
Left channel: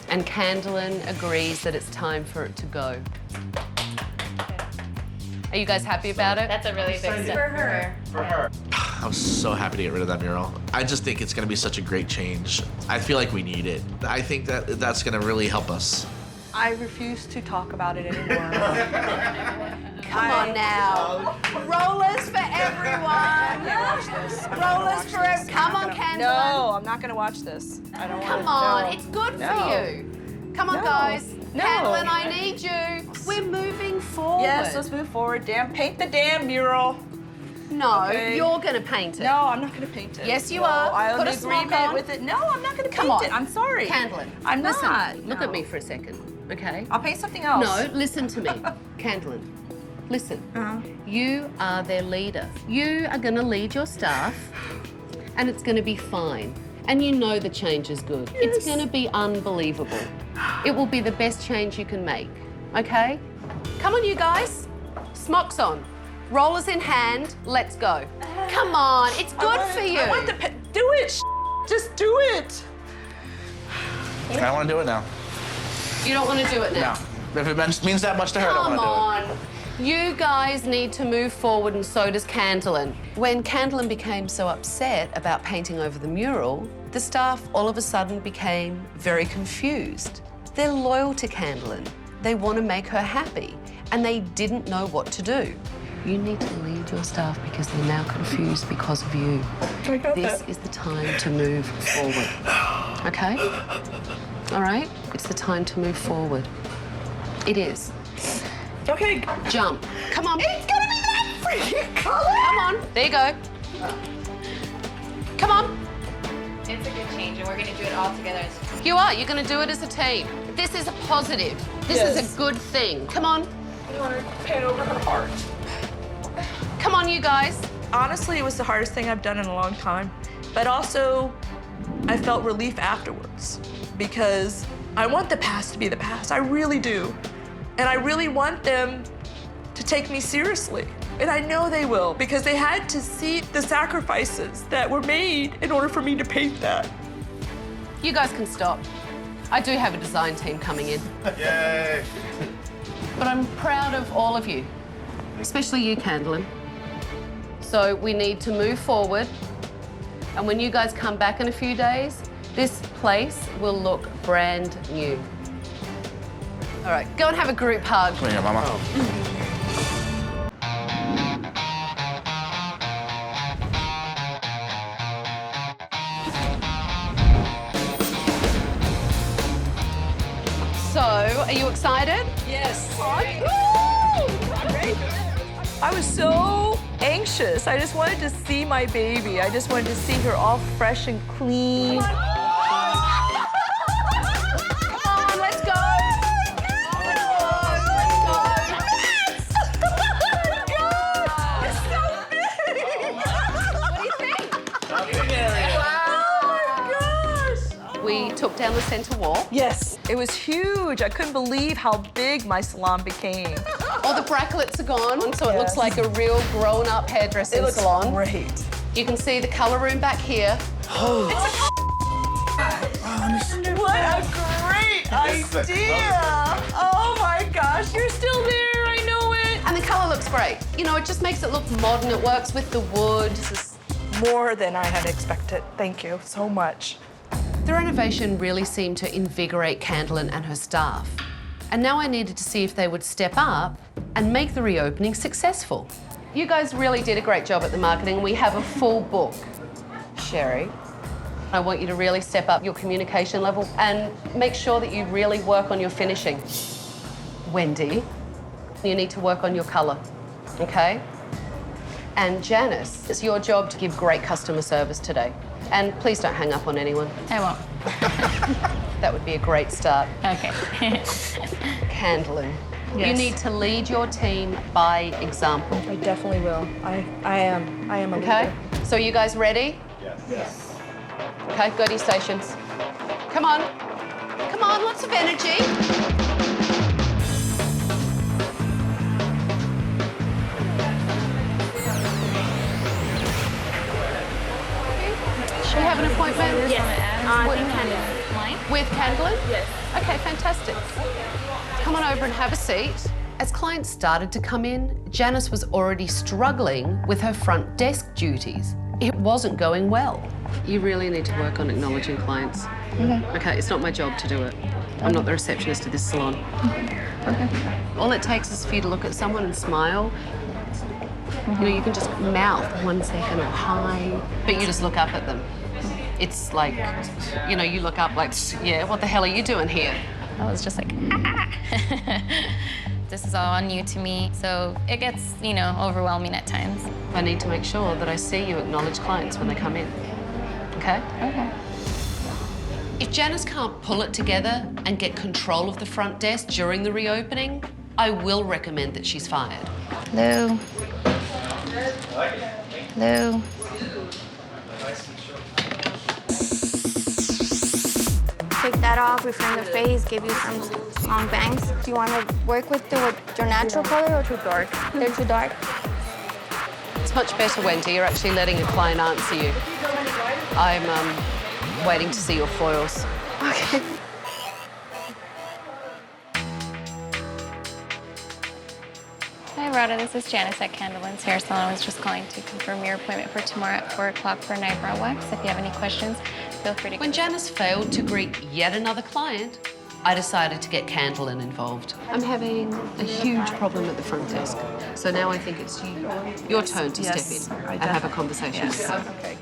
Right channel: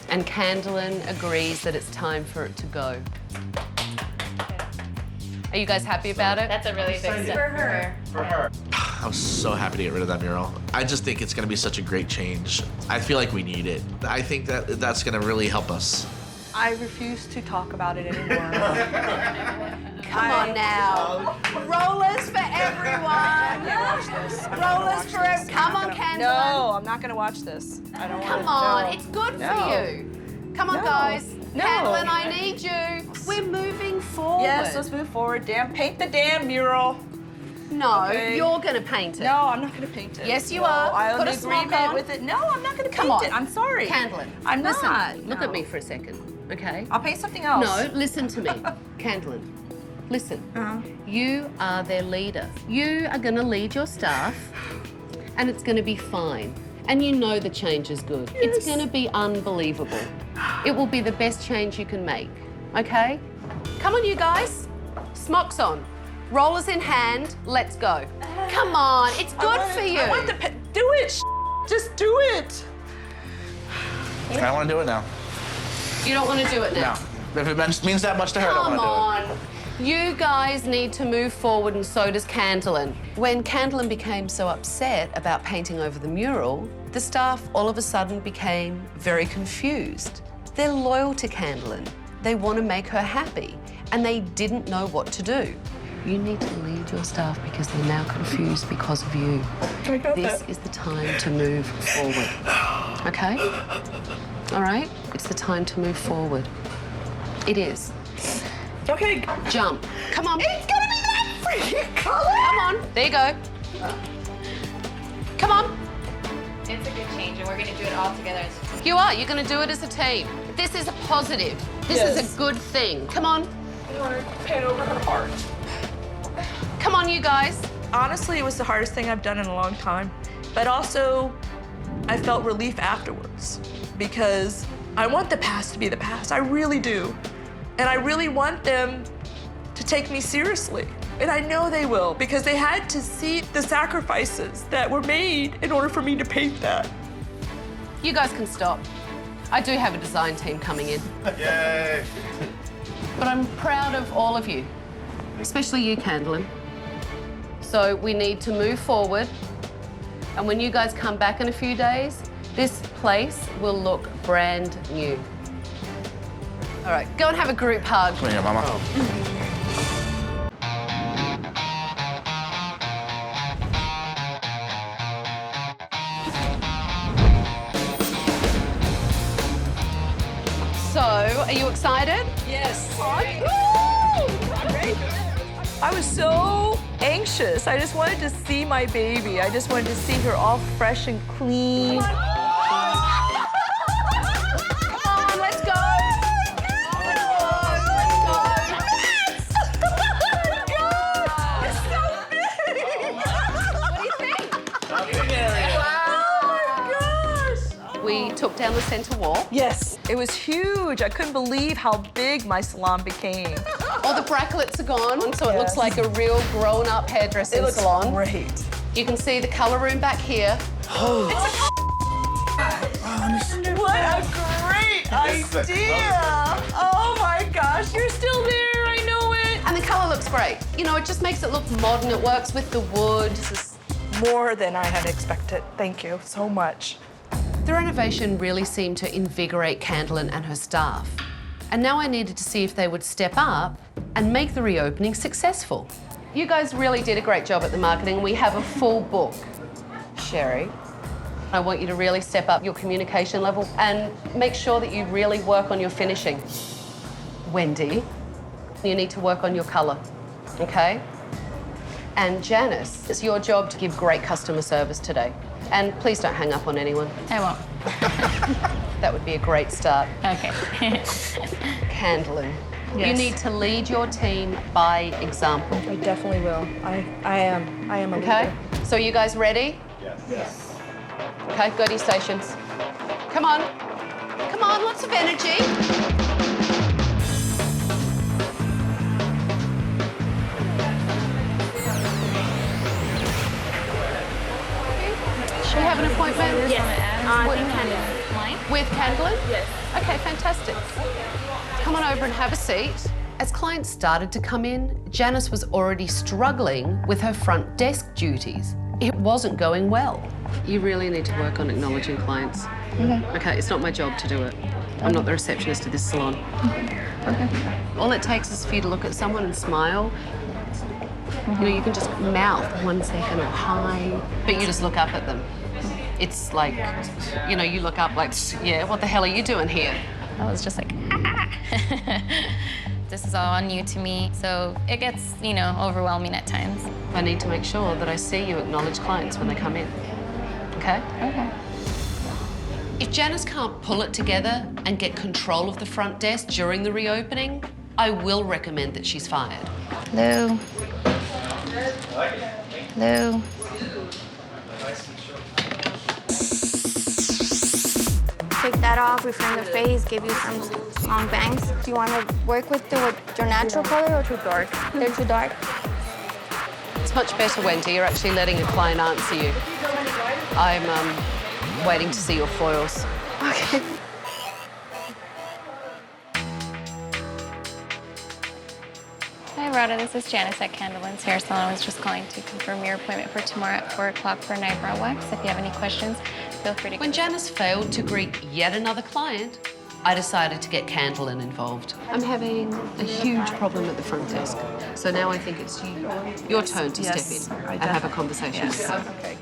And Candelyn agrees that it's time for it to go. Are you guys happy about it? That's a really big step for her. For her. I'm so happy to get rid of that mural. I just think it's going to be such a great change. I feel like we need it. I think that that's going to really help us. I refuse to talk about it anymore. Come on now. Rollers for everyone. Rollers for everyone. Come on, Candelyn. No, I'm not going to watch this. I don't Come want on, to. it's good No. for you. Come on, No. guys. No. Candelyn, I need you. We're moving forward. Yes, let's move forward. Paint the damn mural. No, Okay. you're going to paint it. No, I'm not going to paint it. Yes, you No, are. I'll Put a agree smock on. with it. No, I'm not going to Come paint on. it. I'm sorry. Candelyn, I'm listen. not. Look at me for a second, okay? I'll paint something else. No, listen to me. Candelyn, listen. You are their leader. You are going to lead your staff, and it's going to be fine. And you know the change is good. Yes. It's going to be unbelievable. It will be the best change you can make, okay? Come on, you guys. Smocks on. Rollers in hand. Let's go. Come on. It's good for you. I want the do it. Just do it. I want to do it now. You don't want to do it now? No. If it means that much to her, I Come don't want to do it. on. You guys need to move forward, and so does Candelyn. When Candelyn became so upset about painting over the mural, the staff all of a sudden became very confused. They're loyal to Candelyn. They want to make her happy, and they didn't know what to do. You need to lead your staff because they're now confused because of you. This is the time to move forward. Okay? All right? It's the time to move forward. It is. Okay. Jump. Come on. It's gonna be that freaking color. Come on. There you go. Come on. It's a good change, and we're going to do it all together. You are. You're going to do it as a team. This is a positive. This is a good thing. Come on. You want to paint over her heart? Come on, you guys. Honestly, it was the hardest thing I've done in a long time. But also, I felt relief afterwards because I want the past to be the past. I really do. And I really want them to take me seriously. And I know they will because they had to see the sacrifices that were made in order for me to paint that. You guys can stop. I do have a design team coming in. Yay! But I'm proud of all of you, especially you, Candelyn. So we need to move forward. And when you guys come back in a few days, this place will look brand new. All right, go and have a group hug. Come here, Mama. Are you excited? Yes. I was so anxious. I just wanted to see my baby. I just wanted to see her all fresh and clean. Come on, let's go. We took down the center wall. Yes, it was huge. I couldn't believe how big my salon became. All the brackets are gone, so it looks like a real grown-up hairdressing salon. It looks great. You can see the color room back here. What a great idea! Oh my gosh, you're still there, I know it. And the color looks great. You know, it just makes it look modern. It works with the wood. This is more than I had expected. Thank you so much. The renovation really seemed to invigorate Candelyn and her staff. And now I needed to see if they would step up and make the reopening successful. You guys really did a great job at the marketing. We have a full book. Sherry, I want you to really step up your communication level and make sure that you really work on your finishing. Wendy, you need to work on your color, okay? And Janice, it's your job to give great customer service today. And please don't hang up on anyone. I won't. That would be a great start. Okay. Candelyn, Yes. you need to lead your team by example. I definitely will. I am a Okay? leader. So are you guys ready? Yes. Okay, go to your stations. Come on. Come on, lots of energy. We have an appointment? Yes. With Candelyn? Yes. Okay, fantastic. Come on over and have a seat. As clients started to come in, Janice was already struggling with her front desk duties. It wasn't going well. You really need to work on acknowledging clients. Okay, it's not my job to do it. I'm not the receptionist of this salon. Okay. All it takes is for you to look at someone and smile. You know, you can just mouth 1 second or hi, but you just look up at them. It's like, you know, you look up like, yeah, what the hell are you doing here? I was just like, This is all new to me, so it gets, you know, overwhelming at times. I need to make sure that I see you acknowledge clients when they come in, okay? Okay. If Janice can't pull it together and get control of the front desk during the reopening, I will recommend that she's fired. Hello. Hello. Take that off, reframe the face, give you some long bangs. Do you want to work with your natural color or too dark? They're too dark. It's much better, Wendy. You're actually letting a client answer you. I'm waiting to see your foils. Okay. Hi, Rhoda. This is Janice at Candelan's Hair Salon. I was just calling to confirm your appointment for tomorrow at 4 o'clock for an eyebrow wax. If you have any questions, feel free to... When Janice failed to greet yet another client, I decided to get Candelyn involved. I'm having a huge problem at the front desk. So now I think it's your turn to step in and have a conversation. Yes. Okay.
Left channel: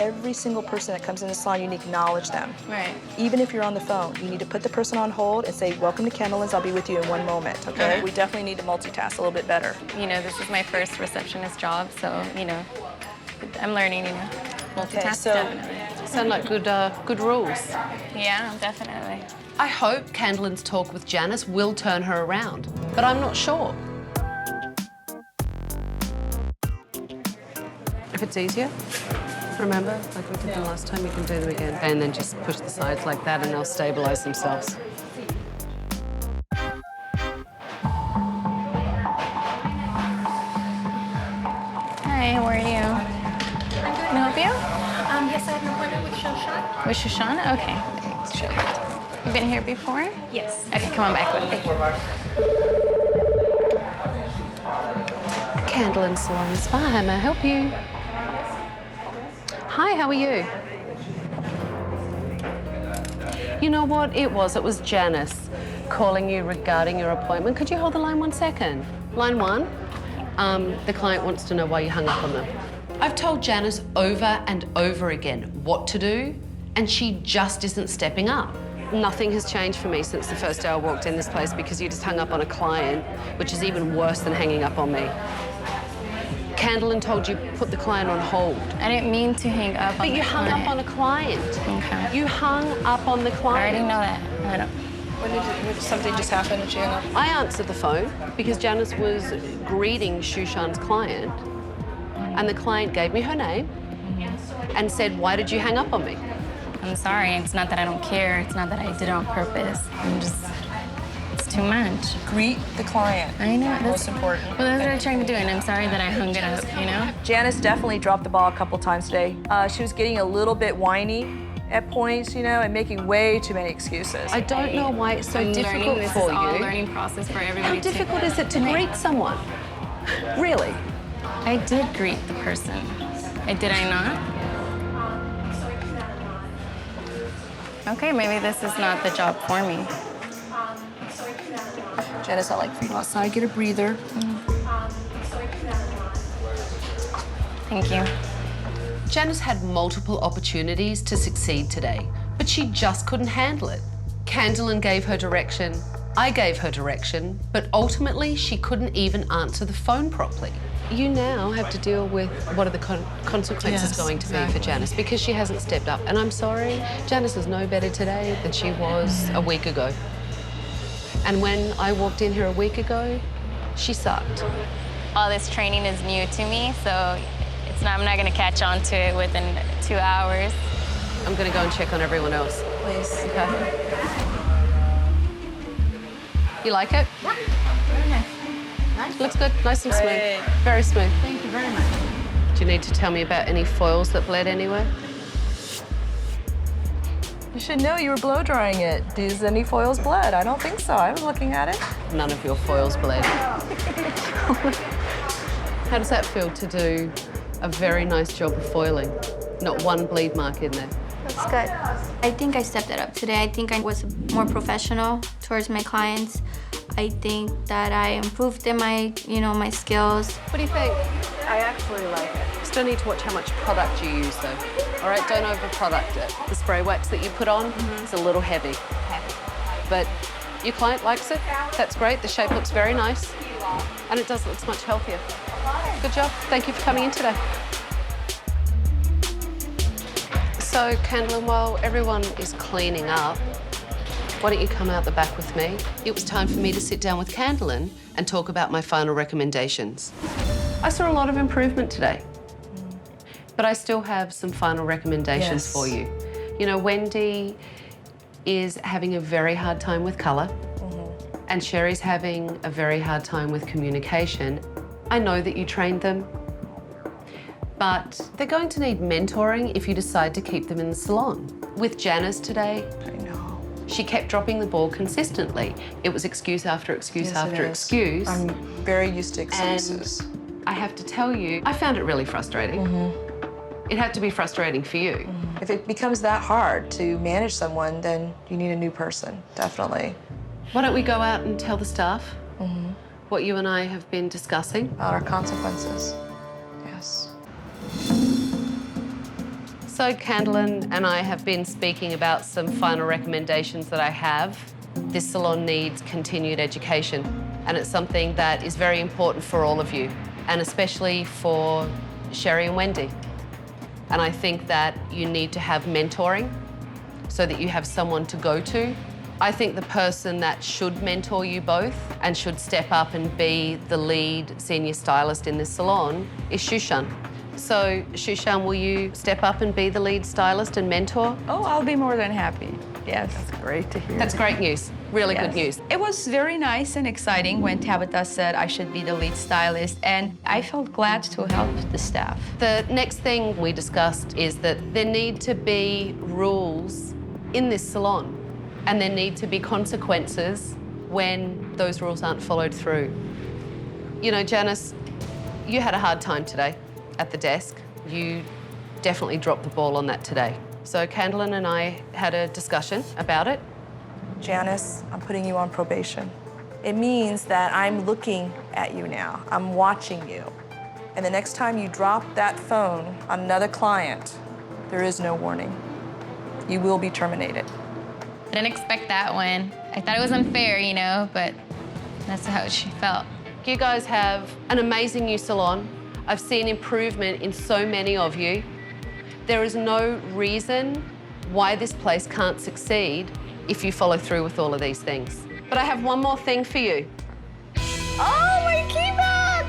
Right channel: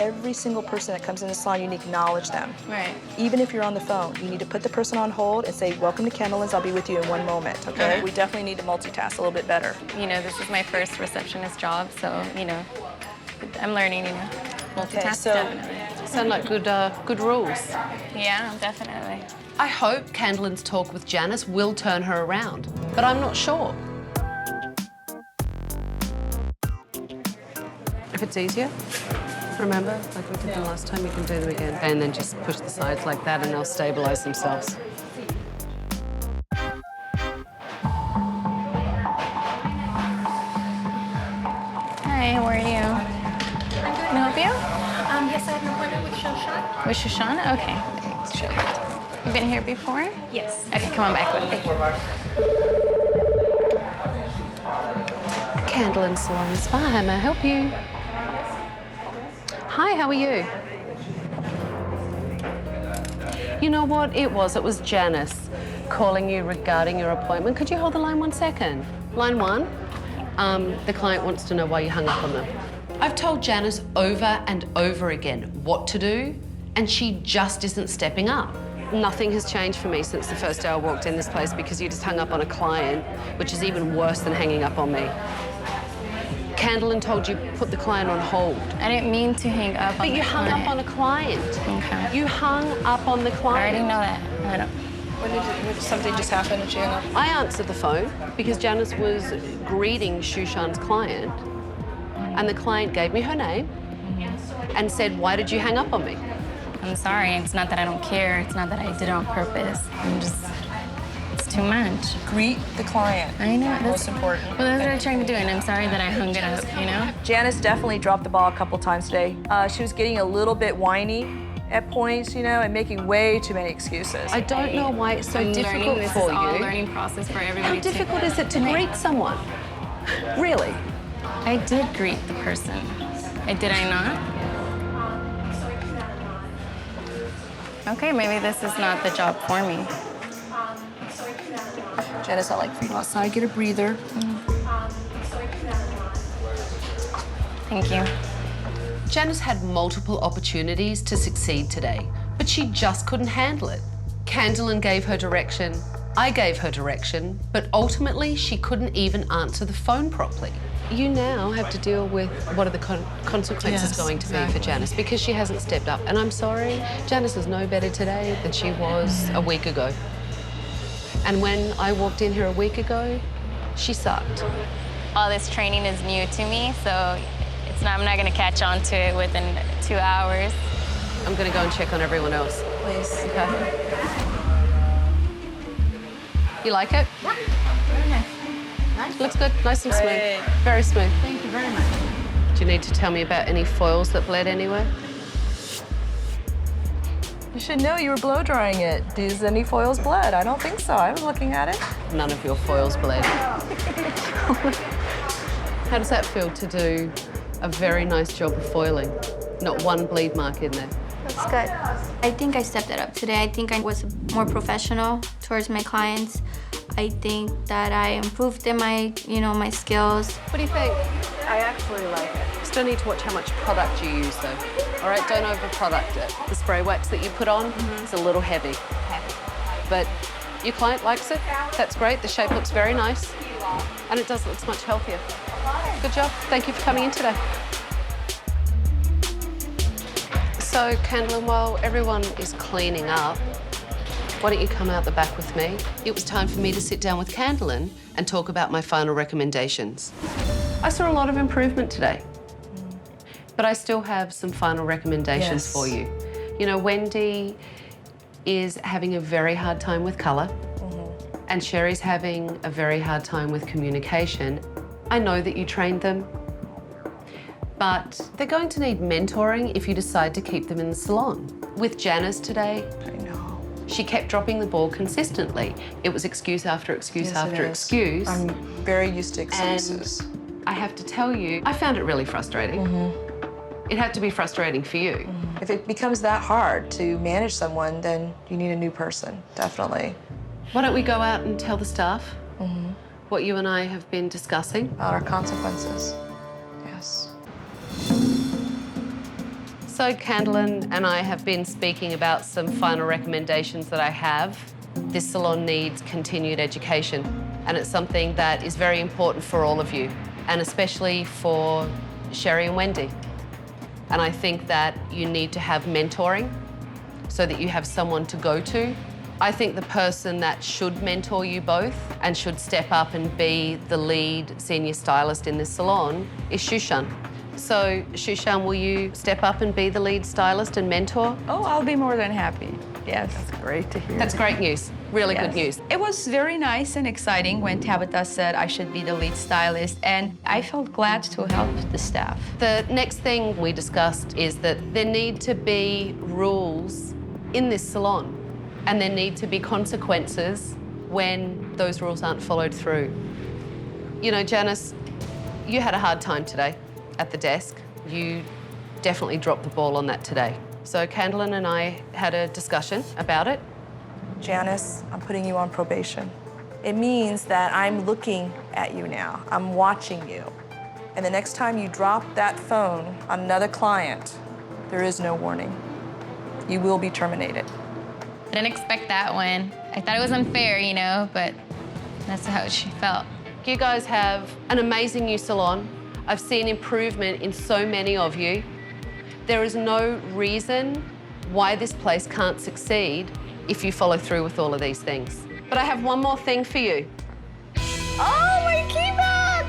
Every single person that comes in the salon, you need to acknowledge them. Right. Even if you're on the phone, you need to put the person on hold and say, welcome to Candelan's, I'll be with you in 1 moment, okay? We definitely need to multitask a little bit better. You know, this is my first receptionist job, so, you know, I'm learning, you know, multitask, so definitely. Sound like good rules. Yeah, definitely. I hope Candelyn's talk with Janice will turn her around, but I'm not sure. If it's easier, remember, like we did the last time, you can do them again. And then just push the sides like that and they'll stabilize themselves. Hi, how are you? Can I help you? Yes, I have an appointment with Shoshana. With Shoshana? Okay. Let's show you. You've been here before? Yes. Okay, come on back with me. Candelan Salon Spa, how may I help you? Hi, how are you? You know what it was Janice calling you regarding your appointment. Could you hold the line 1 second? Line 1, the client wants to know why you hung up on them. I've told Janice over and over again what to do, and she just isn't stepping up. Nothing has changed for me since the first day I walked in this place because you just hung up on a client, which is even worse than hanging up on me. Candelyn told you put the client on hold. I didn't mean to hang up on the client. But you hung up on a client. Okay. You hung up on the client. I already know that. I don't. When something just happened and she hung up? I answered the phone because Janice was greeting Shushan's client, and the client gave me her name and said, "Why did you hang up on me?" I'm sorry. It's not that I don't care. It's not that I did it on purpose. It's too much. Greet the client. I know. That's most important. Well, that's what I'm trying to do, and I'm sorry that I hung it up, you know? Janice definitely dropped the ball a couple times today. She was getting a little bit whiny at points, you know, and making way too many excuses. I don't know why it's so difficult This for is all a you. learning process for everybody. How difficult is it to greet someone? Really? I did greet the person. Did I not? Okay, maybe this is not the job for me. Janice, I like for you to go outside, get a breather. Thank you. Janice had multiple opportunities to succeed today, but she just couldn't handle it. Candelyn gave her direction, I gave her direction, but ultimately she couldn't even answer the phone properly. You now have to deal with what are the consequences going to be for Janice because she hasn't stepped up. And I'm sorry, Janice is no better today than she was a week ago. And when I walked in here a week ago, she sucked. All this training is new to me, so I'm not going to catch on to it within 2 hours. I'm going to go and check on everyone else. Please. Okay. You like it? Yeah. Very nice. Nice. Looks good, nice and smooth. Very smooth. Thank you very much. Do you need to tell me about any foils that bled anywhere? You should know you were blow drying it. Does any foils bled? I don't think so. I was looking at it. None of your foils bled. How does that feel to do a very nice job of foiling? Not one bleed mark in there. That's good. I think I stepped it up today. I think I was more professional towards my clients. I think that I improved in my skills. What do you think? I actually like it. Still need to watch how much product you use though. All right, don't over-product it. The spray wax that you put on is a little heavy. Okay. But your client likes it. That's great. The shape looks very nice. And it does look much healthier. Good job. Thank you for coming in today. So, Candelyn, while everyone is cleaning up, why don't you come out the back with me? It was time for me to sit down with Candelyn and talk about my final recommendations. I saw a lot of improvement today, but I still have some final recommendations for you. You know, Wendy is having a very hard time with colour, and Sherry's having a very hard time with communication. I know that you trained them, but they're going to need mentoring if you decide to keep them in the salon. With Janice today, she kept dropping the ball consistently. It was excuse after excuse after excuse. I'm very used to excuses. And I have to tell you, I found it really frustrating. It had to be frustrating for you. If it becomes that hard to manage someone, then you need a new person, definitely. Why don't we go out and tell the staff what you and I have been discussing? About our consequences, yes. So Candelyn and I have been speaking about some final recommendations that I have. This salon needs continued education, and it's something that is very important for all of you, and especially for Sherry and Wendy. And I think that you need to have mentoring so that you have someone to go to. I think the person that should mentor you both and should step up and be the lead senior stylist in this salon is Shushan. So, Shushan, will you step up and be the lead stylist and mentor? Oh, I'll be more than happy. Yes. That's great to hear. That's great news. Really good news. It was very nice and exciting when Tabitha said I should be the lead stylist, and I felt glad to help the staff. The next thing we discussed is that there need to be rules in this salon, and there need to be consequences when those rules aren't followed through. You know, Janice, you had a hard time today at the desk. You definitely dropped the ball on that today. So Candelyn and I had a discussion about it. Janice, I'm putting you on probation. It means that I'm looking at you now. I'm watching you. And the next time you drop that phone on another client, there is no warning. You will be terminated. didn't expect that one. I thought it was unfair, you know, but that's how she felt. You guys have an amazing new salon. I've seen improvement in so many of you. There is no reason why this place can't succeed if you follow through with all of these things. But I have one more thing for you. Oh, my key back!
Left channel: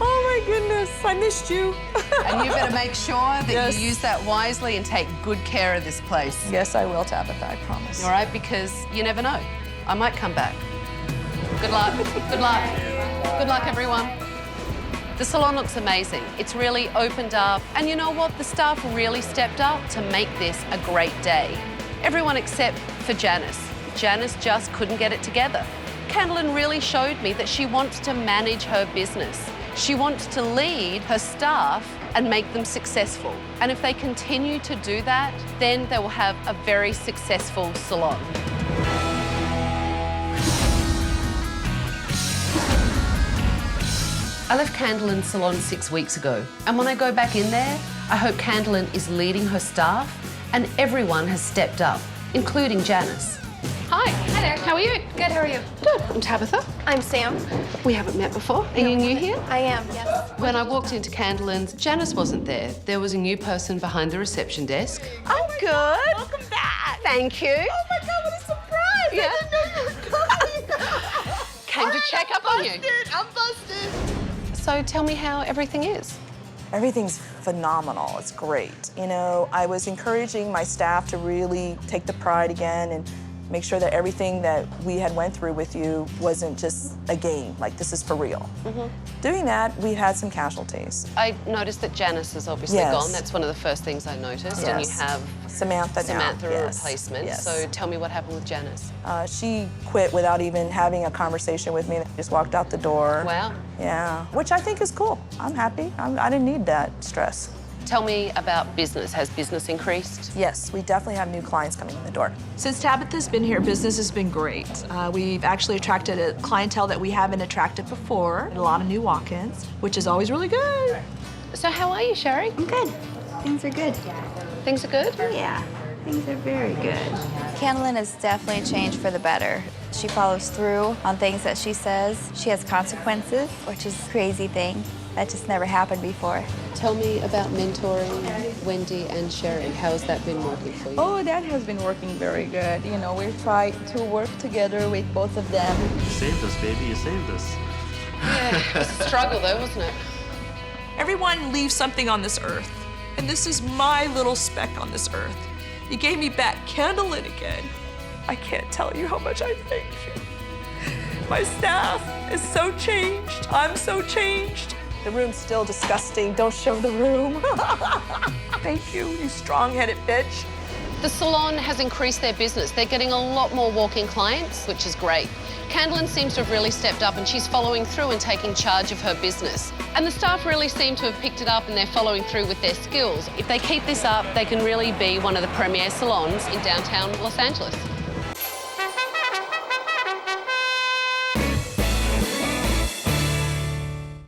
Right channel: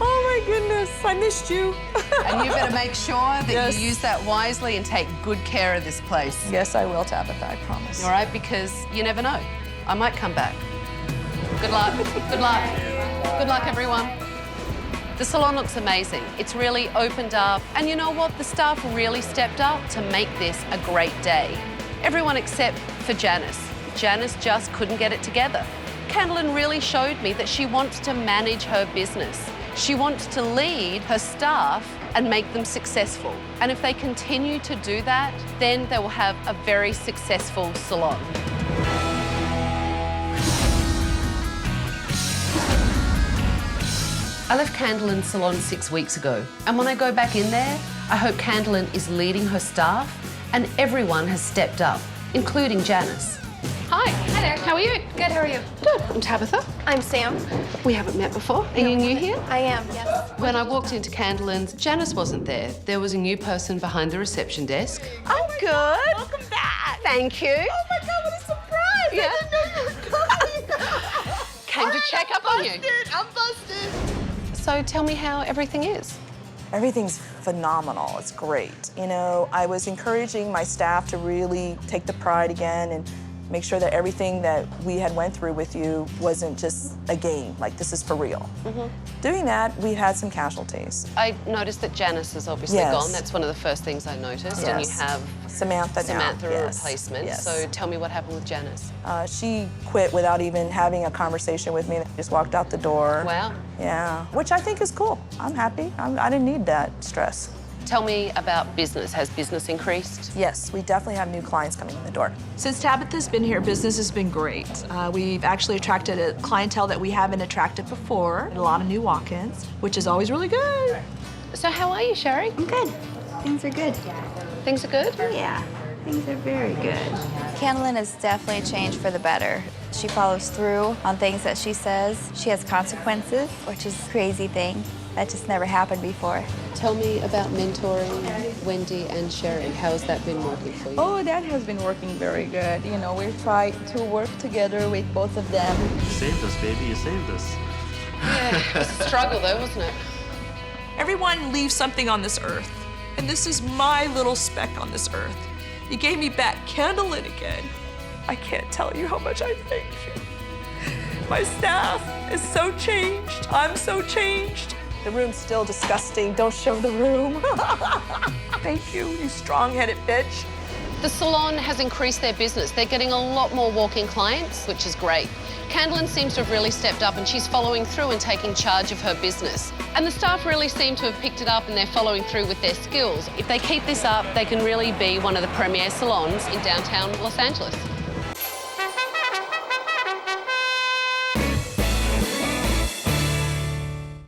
Oh my goodness, I missed you. And you better make sure that you use that wisely and take good care of this place. Yes, I will, Tabitha, I promise. All right, because you never know. I might come back. Good luck, good luck. Good luck, everyone. The salon looks amazing. It's really opened up. And you know what? The staff really stepped up to make this a great day. Everyone except for Janice. Janice just couldn't get it together. Candelyn really showed me that she wants to manage her business. She wants to lead her staff and make them successful. And if they continue to do that, then they will have a very successful salon. I left Candelan Salon 6 weeks ago, and when I go back in there, I hope Candelyn is leading her staff and everyone has stepped up, including Janice. Hi. Hi there. How are you? Good, how are you? Good. I'm Tabitha. I'm Sam. We haven't met before. Are you new here? I am, yes. When I walked into Candelyn's, Janice wasn't there. There was a new person behind the reception desk. I'm good. Welcome back. Thank you. Oh my God, what a surprise. Yeah. I didn't know you were coming. Came to check up on you. I'm busted. So tell me how everything is. Everything's phenomenal. It's great. You know, I was encouraging my staff to really take the pride again and make sure that everything that we had went through with you wasn't just a game, like this is for real. Doing that, we had some casualties. I noticed that Janice is obviously gone. That's one of the first things I noticed. And you have Samantha now. a replacement. So tell me what happened with Janice. She quit without even having a conversation with me. Just walked out the door. Wow. Yeah, which I think is cool. I'm happy. I didn't need that stress. Tell me about business. Has business increased? Yes, we definitely have new clients coming in the door. Since Tabitha's been here, business has been great. We've actually attracted a clientele that we haven't attracted before, a lot of new walk-ins, which is always really good. So how are you, Sherry? I'm good. Things are good. Things are good? Yeah, things are very good. Candelyn has definitely changed for the better. She follows through on things that she says. She has consequences, which is a crazy thing. That just never happened before. Tell me about mentoring Wendy and Sherry. How has that been working for you? Oh, that has been working very good. You know, we've tried to work together with both of them. You saved us, baby. You saved us. Yeah, it was a struggle though, wasn't it? Everyone leaves something on this earth, and this is my little speck on this earth. You gave me back Candelyn again. I can't tell you how much I thank you. My staff is so changed. I'm so changed. The room's still disgusting. Don't show the room. Thank you, you strong-headed bitch. The salon has increased their business. They're getting a lot more walk-in clients, which is great. Candelyn seems to have really stepped up and she's following through and taking charge of her business. And the staff really seem to have picked it up and they're following through with their skills. If they keep this up, they can really be one of the premier salons in downtown Los Angeles.